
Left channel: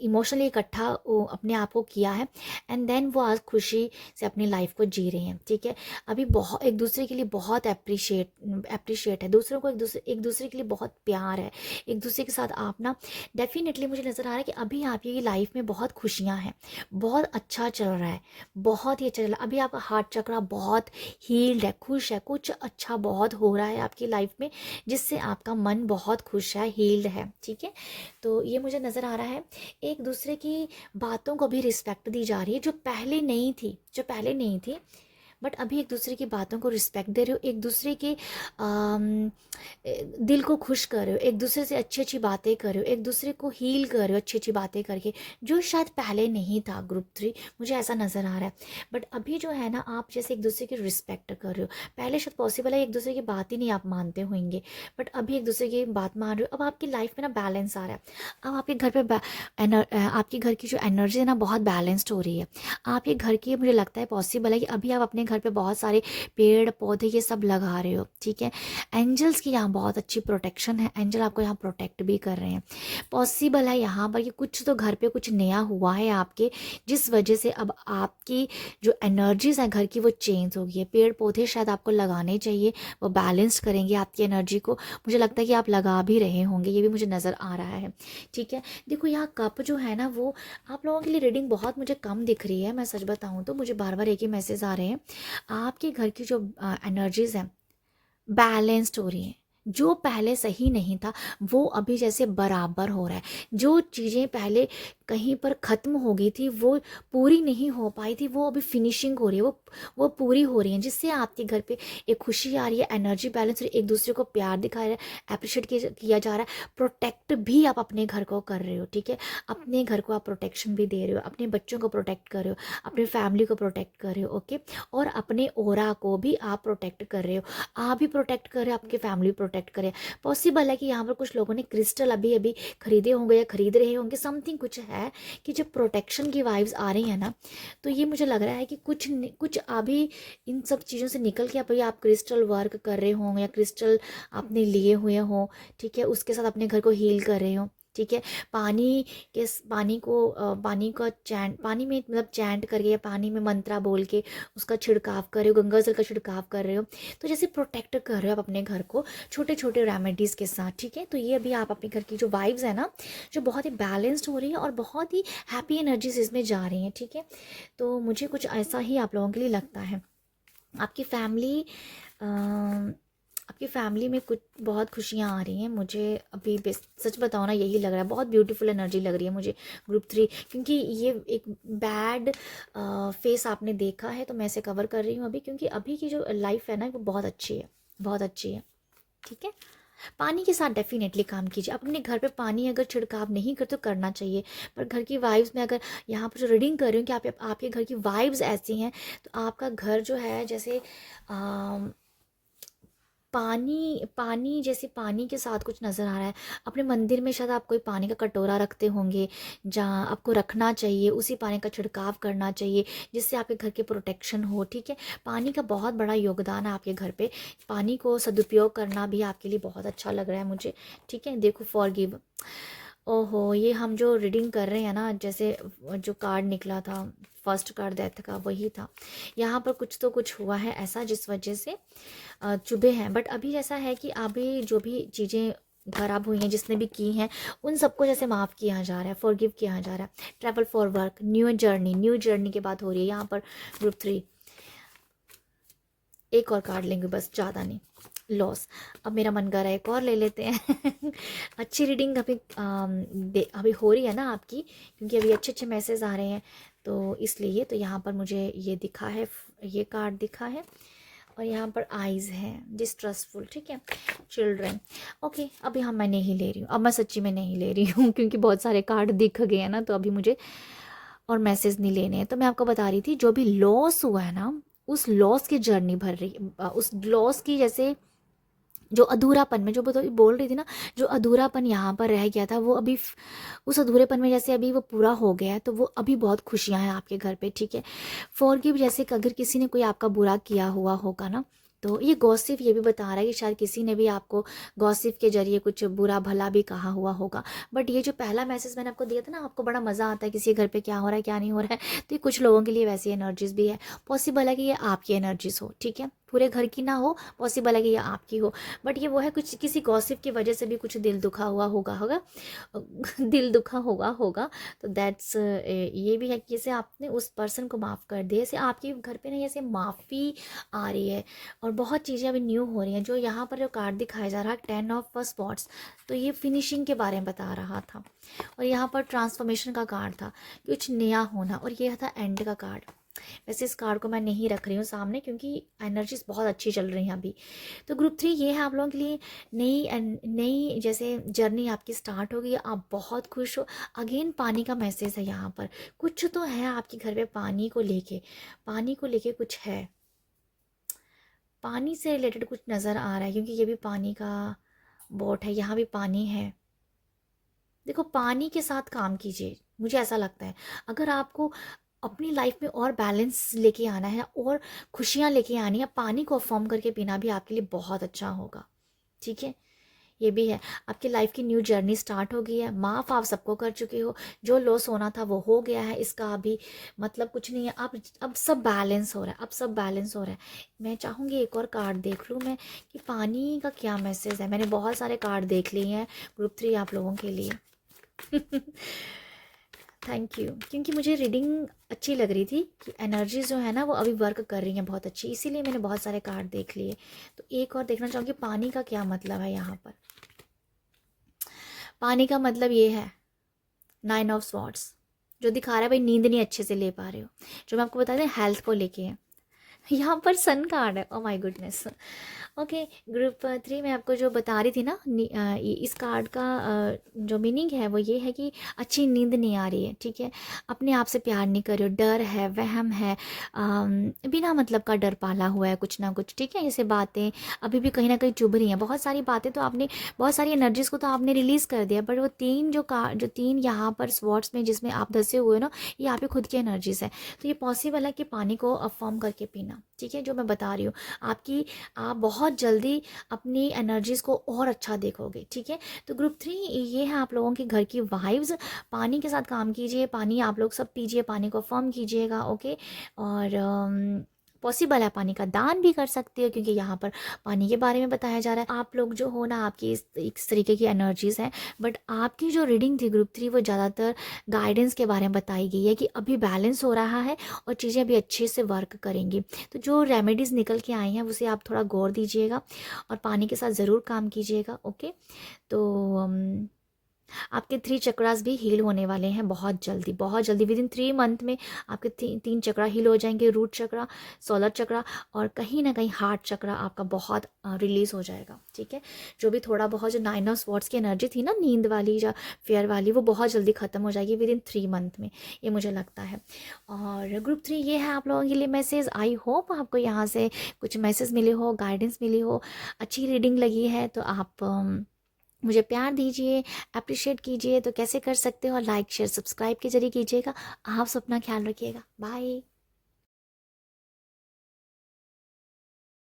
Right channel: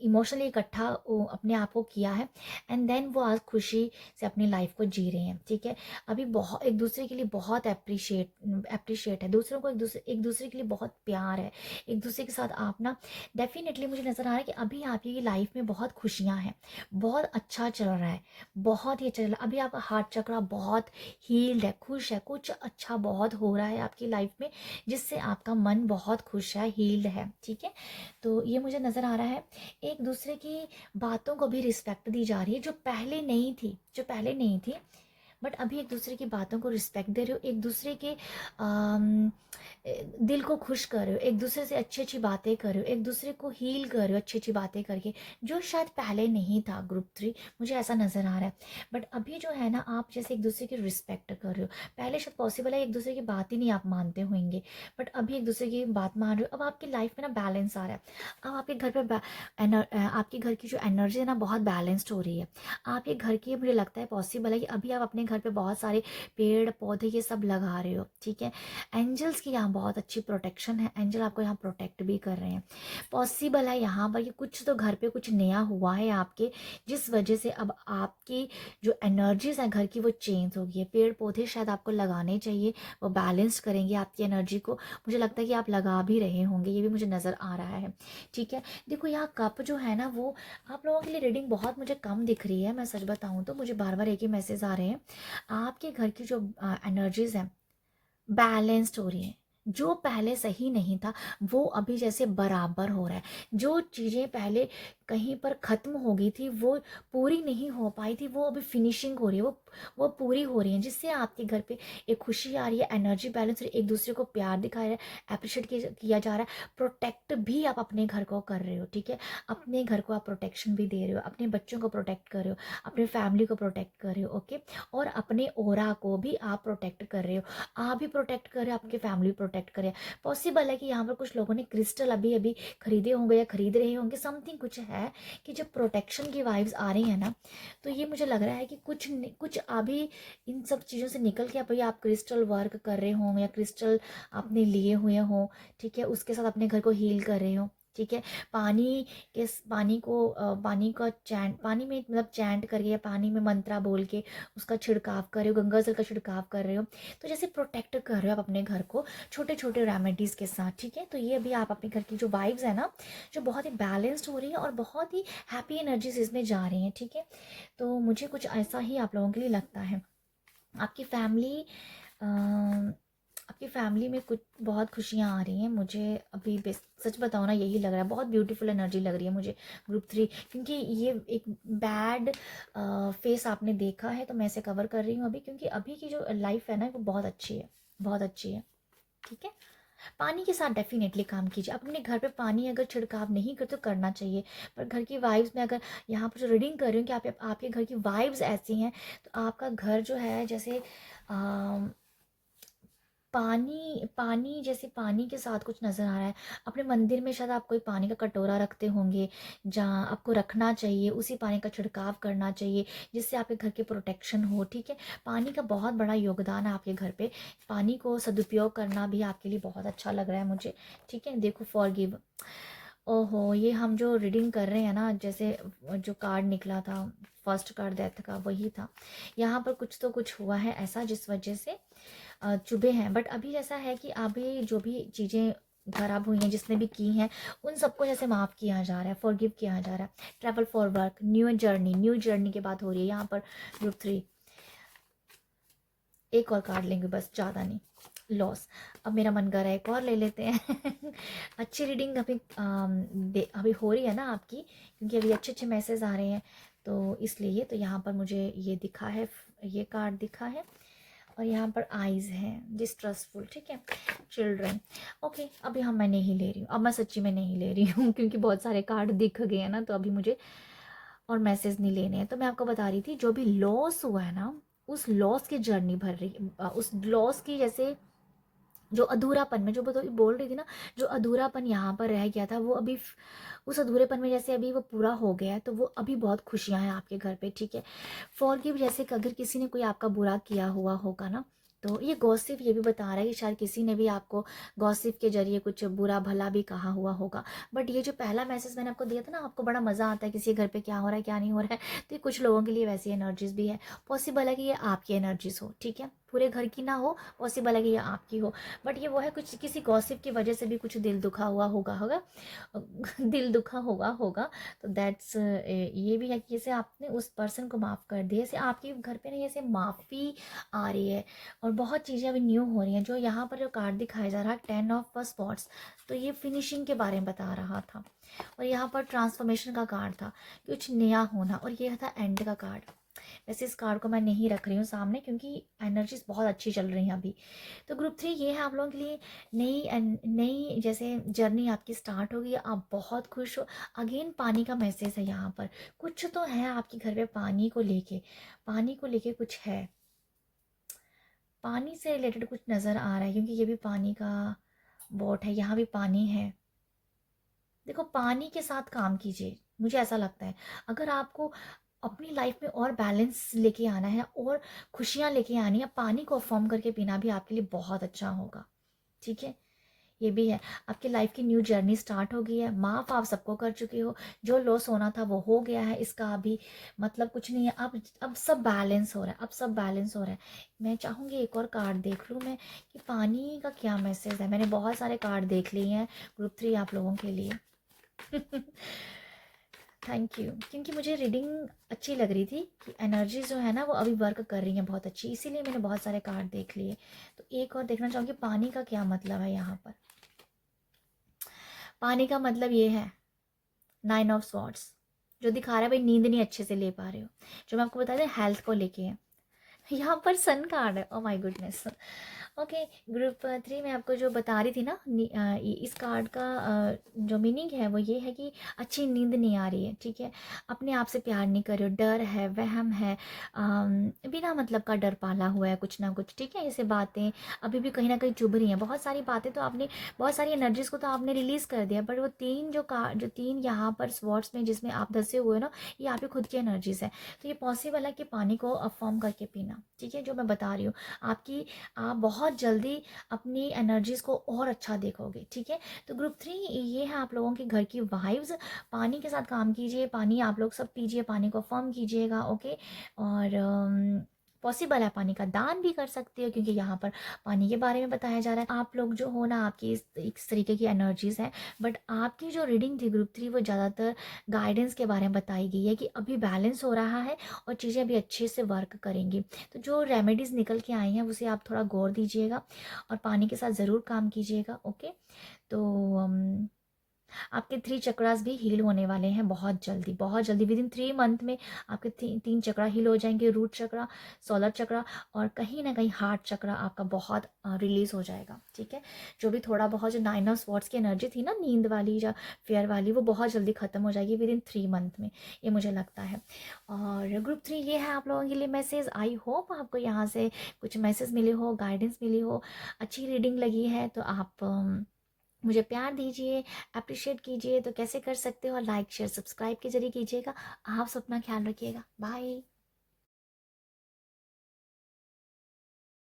इमोशनली इकट्ठा अपने आप को किया है, एंड देन वो आज खुशी से अपनी लाइफ को जी रहे हैं। ठीक है, अभी बहुत एक दूसरे के लिए बहुत अप्रिशिएट है, दूसरों को एक दूसरे के लिए बहुत प्यार है, एक दूसरे के साथ आप ना, डेफिनेटली मुझे नज़र आ रहा है कि अभी आपकी लाइफ में बहुत खुशियाँ हैं, बहुत अच्छा चल रहा है, बहुत ही अच्छा चल रहा है। अभी आपका हार्ट चक्रा बहुत हील्ड है, खुश है, कुछ अच्छा बहुत हो रहा है आपकी लाइफ में, जिससे आपका मन बहुत खुश है, हील्ड है। ठीक है, तो ये मुझे नज़र आ रहा है। एक दूसरे की बातों को भी रिस्पेक्ट दी जा रही है, जो पहले नहीं थी, बट अभी एक दूसरे की बातों को रिस्पेक्ट दे रहे हो, एक दूसरे के दिल को खुश कर रहे हो, एक दूसरे से अच्छी अच्छी बातें कर रहे हो, एक दूसरे को हील कर रहे हो अच्छी अच्छी बातें करके, जो शायद पहले नहीं था। ग्रुप 3 मुझे ऐसा नज़र आ रहा है, बट अभी जो है ना, आप जैसे एक दूसरे की रिस्पेक्ट कर रहे हो। पहले शायद पॉसिबल है एक दूसरे की बात ही नहीं आप मानते होंगे, बट अभी एक दूसरे की बात मान रहे हो। अब आपकी लाइफ में ना बैलेंस आ रहा है। अब आपके घर पे आपके घर की जो एनर्जी है ना, बहुत बैलेंस्ड हो रही है। आपके घर की, मुझे लगता है पॉसिबल है कि अभी आप अपने घर पे बहुत सारे पेड़ पौधे ये सब लगा रहे हो। ठीक है, एंजल्स की यहाँ बहुत अच्छी प्रोटेक्शन है, एंजल आपको यहाँ प्रोटेक्ट भी कर रहे हैं। पॉसिबल है यहाँ पर कि कुछ तो घर पे कुछ नया हुआ है आपके, जिस वजह से अब आपकी जो एनर्जीज है घर की, वो चेंज हो गई है। पेड़ पौधे शायद आपको लगाने चाहिए, वो बैलेंस करेंगे आपकी एनर्जी को। मुझे लगता है कि आप लगा भी रहे होंगे, ये भी मुझे नज़र आ रहा है। ठीक है, देखो यहाँ कप जो है ना, वो आप लोगों के लिए रीडिंग बहुत मुझे कम दिख रही है। मैं सच बताऊँ तो मुझे बार बार एक ही मैसेज आ रहे हैं, आपके घर की जो एनर्जीज हैं बैलेंस्ड हो रही हैं। जो पहले सही नहीं था वो अभी जैसे बराबर हो रहा है। जो चीज़ें पहले कहीं पर ख़त्म हो गई थी, वो पूरी नहीं हो पाई थी, वो अभी फिनिशिंग हो रही है, वो पूरी हो रही है, जिससे आपके घर पे एक खुशी आ रही है, एनर्जी बैलेंस, एक दूसरे को प्यार दिखाया है, अप्रिशिएट किया जा रहा है, प्रोटेक्ट भी आप अपने घर को कर रहे हो, ठीक है। अपने घर को आप प्रोटेक्शन भी दे रहे हो, अपने बच्चों को प्रोटेक्ट कर रहे हो, अपने फैमिली को प्रोटेक्ट कर रहे हो, ओके। और अपने ओरा को भी आप प्रोटेक्ट कर रहे हो, आप भी प्रोटेक्ट कर रहे हो, आपकी फैमिली प्रोटेक्ट करे। पॉसिबल है कि यहाँ पर कुछ लोगों ने क्रिस्टल अभी अभी खरीदे होंगे या खरीद रहे होंगे, समथिंग कुछ है कि जब प्रोटेक्शन की वाइब्स आ रही है ना, तो ये मुझे लग रहा है कि कुछ अभी इन सब चीज़ों से निकल के अभी आप क्रिस्टल वर्क कर रहे हों या क्रिस्टल आपने लिए हुए हों, ठीक है, उसके साथ अपने घर को हील कर रहे हो, ठीक है। पानी पानी का चैंट, पानी में मतलब चैंट करके या पानी में मंत्रा बोल के उसका छिड़काव कर रहे हो, गंगा जल का छिड़काव कर रहे हो, तो जैसे प्रोटेक्ट कर रहे हो आप अपने घर को छोटे छोटे रेमेडीज़ के साथ, ठीक है। तो ये अभी आप अपने घर की जो वाइब्स है ना, जो बहुत ही बैलेंस्ड हो रही है और बहुत ही हैप्पी एनर्जीज इसमें जा रही हैं, ठीक है। तो मुझे कुछ ऐसा ही आप लोगों के लिए लगता है। आपकी फैमिली आपकी फैमिली में कुछ बहुत खुशियाँ आ रही हैं मुझे अभी, सच बताओ ना, यही लग रहा है, बहुत ब्यूटीफुल एनर्जी लग रही है मुझे ग्रुप 3, क्योंकि ये एक बैड फेस आपने देखा है, तो मैं इसे कवर कर रही हूँ अभी, क्योंकि अभी की जो लाइफ है ना वो बहुत अच्छी है, बहुत अच्छी है, ठीक है। पानी के साथ डेफिनेटली काम कीजिए, अपने घर पे पानी अगर छिड़काव नहीं करते तो करना चाहिए, पर घर की वाइब्स में अगर यहाँ पर जो रीडिंग कर रही हूँ कि आपके घर की वाइब्स ऐसी हैं, तो आपका घर जो है जैसे पानी पानी जैसे पानी के साथ कुछ नज़र आ रहा है। अपने मंदिर में शायद आप कोई पानी का कटोरा रखते होंगे, जहाँ आपको रखना चाहिए, उसी पानी का छिड़काव करना चाहिए, जिससे आपके घर की प्रोटेक्शन हो, ठीक है। पानी का बहुत बड़ा योगदान है आपके घर पे, पानी को सदुपयोग करना भी आपके लिए बहुत अच्छा लग रहा है मुझे, ठीक है। देखो फॉरगिव, ओहो, ये हम जो रीडिंग कर रहे हैं ना, जैसे जो कार्ड निकला था, फर्स्ट कार्ड डेथ का, वही था। यहाँ पर कुछ तो कुछ हुआ है ऐसा जिस वजह से चुभे हैं, बट अभी ऐसा है कि अभी जो भी चीज़ें खराब हुई हैं जिसने भी की हैं, उन सबको जैसे माफ़ किया जा रहा है, फॉरगिव किया जा रहा है। Travel for work, new journey की बात हो रही है यहाँ पर ग्रुप 3। एक और कार्ड लेंगे बस, ज़्यादा नहीं। लॉस, अब मेरा मन कर रहा है एक और ले लेते हैं। अच्छी रीडिंग अभी अभी हो रही है ना आपकी, क्योंकि अभी अच्छे अच्छे मैसेज आ रहे हैं, तो इसलिए तो यहाँ पर मुझे ये दिखा है, ये कार्ड दिखा है, और यहाँ पर आइज़ है, डिस्ट्रस्टफुल, ठीक है। चिल्ड्रन, ओके, अभी मैं नहीं ले रही हूँ, अब मैं सच्ची में नहीं ले रही हूँ, क्योंकि बहुत सारे कार्ड दिख गए हैं ना, तो अभी मुझे और मैसेज नहीं लेने हैं। तो मैं आपको बता रही थी, जो भी लॉस हुआ है ना, उस लॉस की जर्नी भर रही, उस लॉस की जैसे जो अधूरापन में जो बोल रही थी ना, जो अधूरापन यहाँ पर रह गया था, वो अभी उस अधूरेपन में जैसे अभी वो पूरा हो गया है, तो वो अभी बहुत खुशियाँ हैं आपके घर पे, ठीक है। फॉरगिव, जैसे कि अगर किसी ने कोई आपका बुरा किया हुआ होगा ना, तो ये गॉसिप ये भी बता रहा है कि शायद किसी ने भी आपको गॉसिप के जरिए कुछ बुरा भला भी कहा हुआ होगा। बट ये जो पहला मैसेज मैंने आपको दिया था ना, आपको बड़ा मज़ा आता है किसी घर पे क्या हो रहा है क्या नहीं हो रहा है, तो ये कुछ लोगों के लिए वैसी एनर्जीज भी है। पॉसिबल है कि ये आपकी एनर्जीज हो, ठीक है, पूरे घर की ना हो, पॉसिबल है कि ये आपकी हो, बट ये वो है, कुछ किसी गॉसिप की वजह से भी कुछ दिल दुखा हुआ होगा दिल दुखा होगा, तो दैट्स ये भी है कि जैसे आपने उस पर्सन को माफ़ कर दिया, जैसे आपके घर पे ना जैसे माफ़ी आ रही है, और बहुत चीज़ें अभी न्यू हो रही हैं। जो यहाँ पर जो कार्ड दिखाया जा रहा है 10 ऑफ स्पॉट्स, तो ये फिनिशिंग के बारे में बता रहा था, और यहाँ पर ट्रांसफॉर्मेशन का कार्ड था, कुछ नया होना, और ये था एंड का कार्ड। वैसे इस कार्ड को मैं नहीं रख रही हूँ सामने, क्योंकि एनर्जीज बहुत अच्छी चल रही हैं अभी। तो ग्रुप 3 ये है आप लोगों के लिए, नई जैसे जर्नी आपकी स्टार्ट होगी, आप बहुत खुश हो। अगेन पानी का मैसेज है यहाँ पर, कुछ तो है आपके घर पे पानी को लेके कुछ है, पानी से रिलेटेड कुछ नज़र आ रहा है, क्योंकि ये भी पानी का बोट है, यहाँ भी पानी है। देखो, पानी के साथ काम कीजिए, मुझे ऐसा लगता है, अगर आपको अपनी लाइफ में और बैलेंस लेके आना है और खुशियाँ लेके आनी है, पानी को अफॉर्म करके पीना भी आपके लिए बहुत अच्छा होगा, ठीक है। ये भी है, आपकी लाइफ की न्यू जर्नी स्टार्ट हो गई है, माफ़ आप सबको कर चुके हो, जो लॉस होना था वो हो गया है, इसका अभी मतलब कुछ नहीं है, अब सब बैलेंस हो रहा है, अब सब बैलेंस हो रहा है। मैं चाहूँगी एक और कार्ड देख लूँ मैं, कि पानी का क्या मैसेज है। मैंने बहुत सारे कार्ड देख लिए हैं ग्रुप 3 आप लोगों के लिए। थैंक यू, क्योंकि मुझे रीडिंग अच्छी लग रही थी कि एनर्जी जो है ना वो अभी वर्क कर रही हैं बहुत अच्छी, इसीलिए मैंने बहुत सारे कार्ड देख लिए। तो एक और देखना चाहूँगी, पानी का क्या मतलब है यहाँ पर। पानी का मतलब ये है 9 ऑफ स्वॉर्ड्स, जो दिखा रहा है भाई नींद नहीं अच्छे से ले पा रहे हो, जो मैं आपको बता दें हेल्थ को लेके है। यहाँ पर सन कार्ड है, oh my goodness. Okay, group 3 में आपको जो बता रही थी ना, इस कार्ड का जो मीनिंग है वो ये है कि अच्छी नींद नहीं आ रही है, ठीक है, अपने आप से प्यार नहीं कर रहे हो, डर है, वहम है, बिना मतलब का डर पाला हुआ है कुछ ना कुछ, ठीक है, ऐसे बातें अभी भी कहीं ना कहीं चुभ रही हैं, बहुत सारी बातें तो आपने, बहुत सारी एनर्जीज को तो आपने रिलीज़ कर दिया, बट वो तीन जो तीन यहाँ पर स्वॉर्ड्स में जिसमें आप धसे हुए हो ना, ये आपकी खुद की एनर्जीज है। तो ये पॉसिबल है कि पानी को अफर्म करके पीना, ठीक है, जो मैं बता रही हूँ आपकी, आप बहुत जल्दी अपनी एनर्जीज को और अच्छा देखोगे, ठीक है। तो ग्रुप 3 ये है आप लोगों के घर की वाइब्स, पानी के साथ काम कीजिए, पानी आप लोग सब पीजिए, पानी को फर्म कीजिएगा, ओके। और पॉसिबल है पानी का दान भी कर सकते हो, क्योंकि यहाँ पर पानी के बारे में बताया जा रहा है। आप लोग जो हो ना, आपकी इस तरीके की एनर्जीज हैं, बट आपकी जो रीडिंग थी ग्रुप 3 वो ज़्यादातर गाइडेंस के बारे में बताई गई है कि अभी बैलेंस हो रहा है और चीज़ें अभी अच्छे से वर्क करेंगी। तो जो रेमेडीज़ निकल के आई हैं उसे आप थोड़ा गौर दीजिएगा और पानी के साथ ज़रूर काम कीजिएगा, ओके। तो आपके 3 चक्रास भी हील होने वाले हैं बहुत जल्दी, बहुत जल्दी, विद इन 3 मंथ में आपके 3 चक्रा हील हो जाएंगे, रूट चक्रा, सोलर चक्रा और कहीं ना कहीं हार्ट चक्रा आपका बहुत रिलीज हो जाएगा, ठीक है। जो भी थोड़ा बहुत जो 9 ऑफ स्वॉर्ड्स की एनर्जी थी ना, नींद वाली या फेयर वाली, वो बहुत जल्दी ख़त्म हो जाएगी विद इन 3 मंथ में, ये मुझे लगता है। और ग्रुप 3 ये है आप लोगों के लिए मैसेज। आई होप आपको यहाँ से कुछ मैसेज मिले हो, गाइडेंस मिली हो, अच्छी रीडिंग लगी है तो आप मुझे प्यार दीजिए, अप्रिशिएट कीजिए। तो कैसे कर सकते हो? लाइक शेयर सब्सक्राइब के जरिए कीजिएगा। आप सब अपना ख्याल रखिएगा। बाय।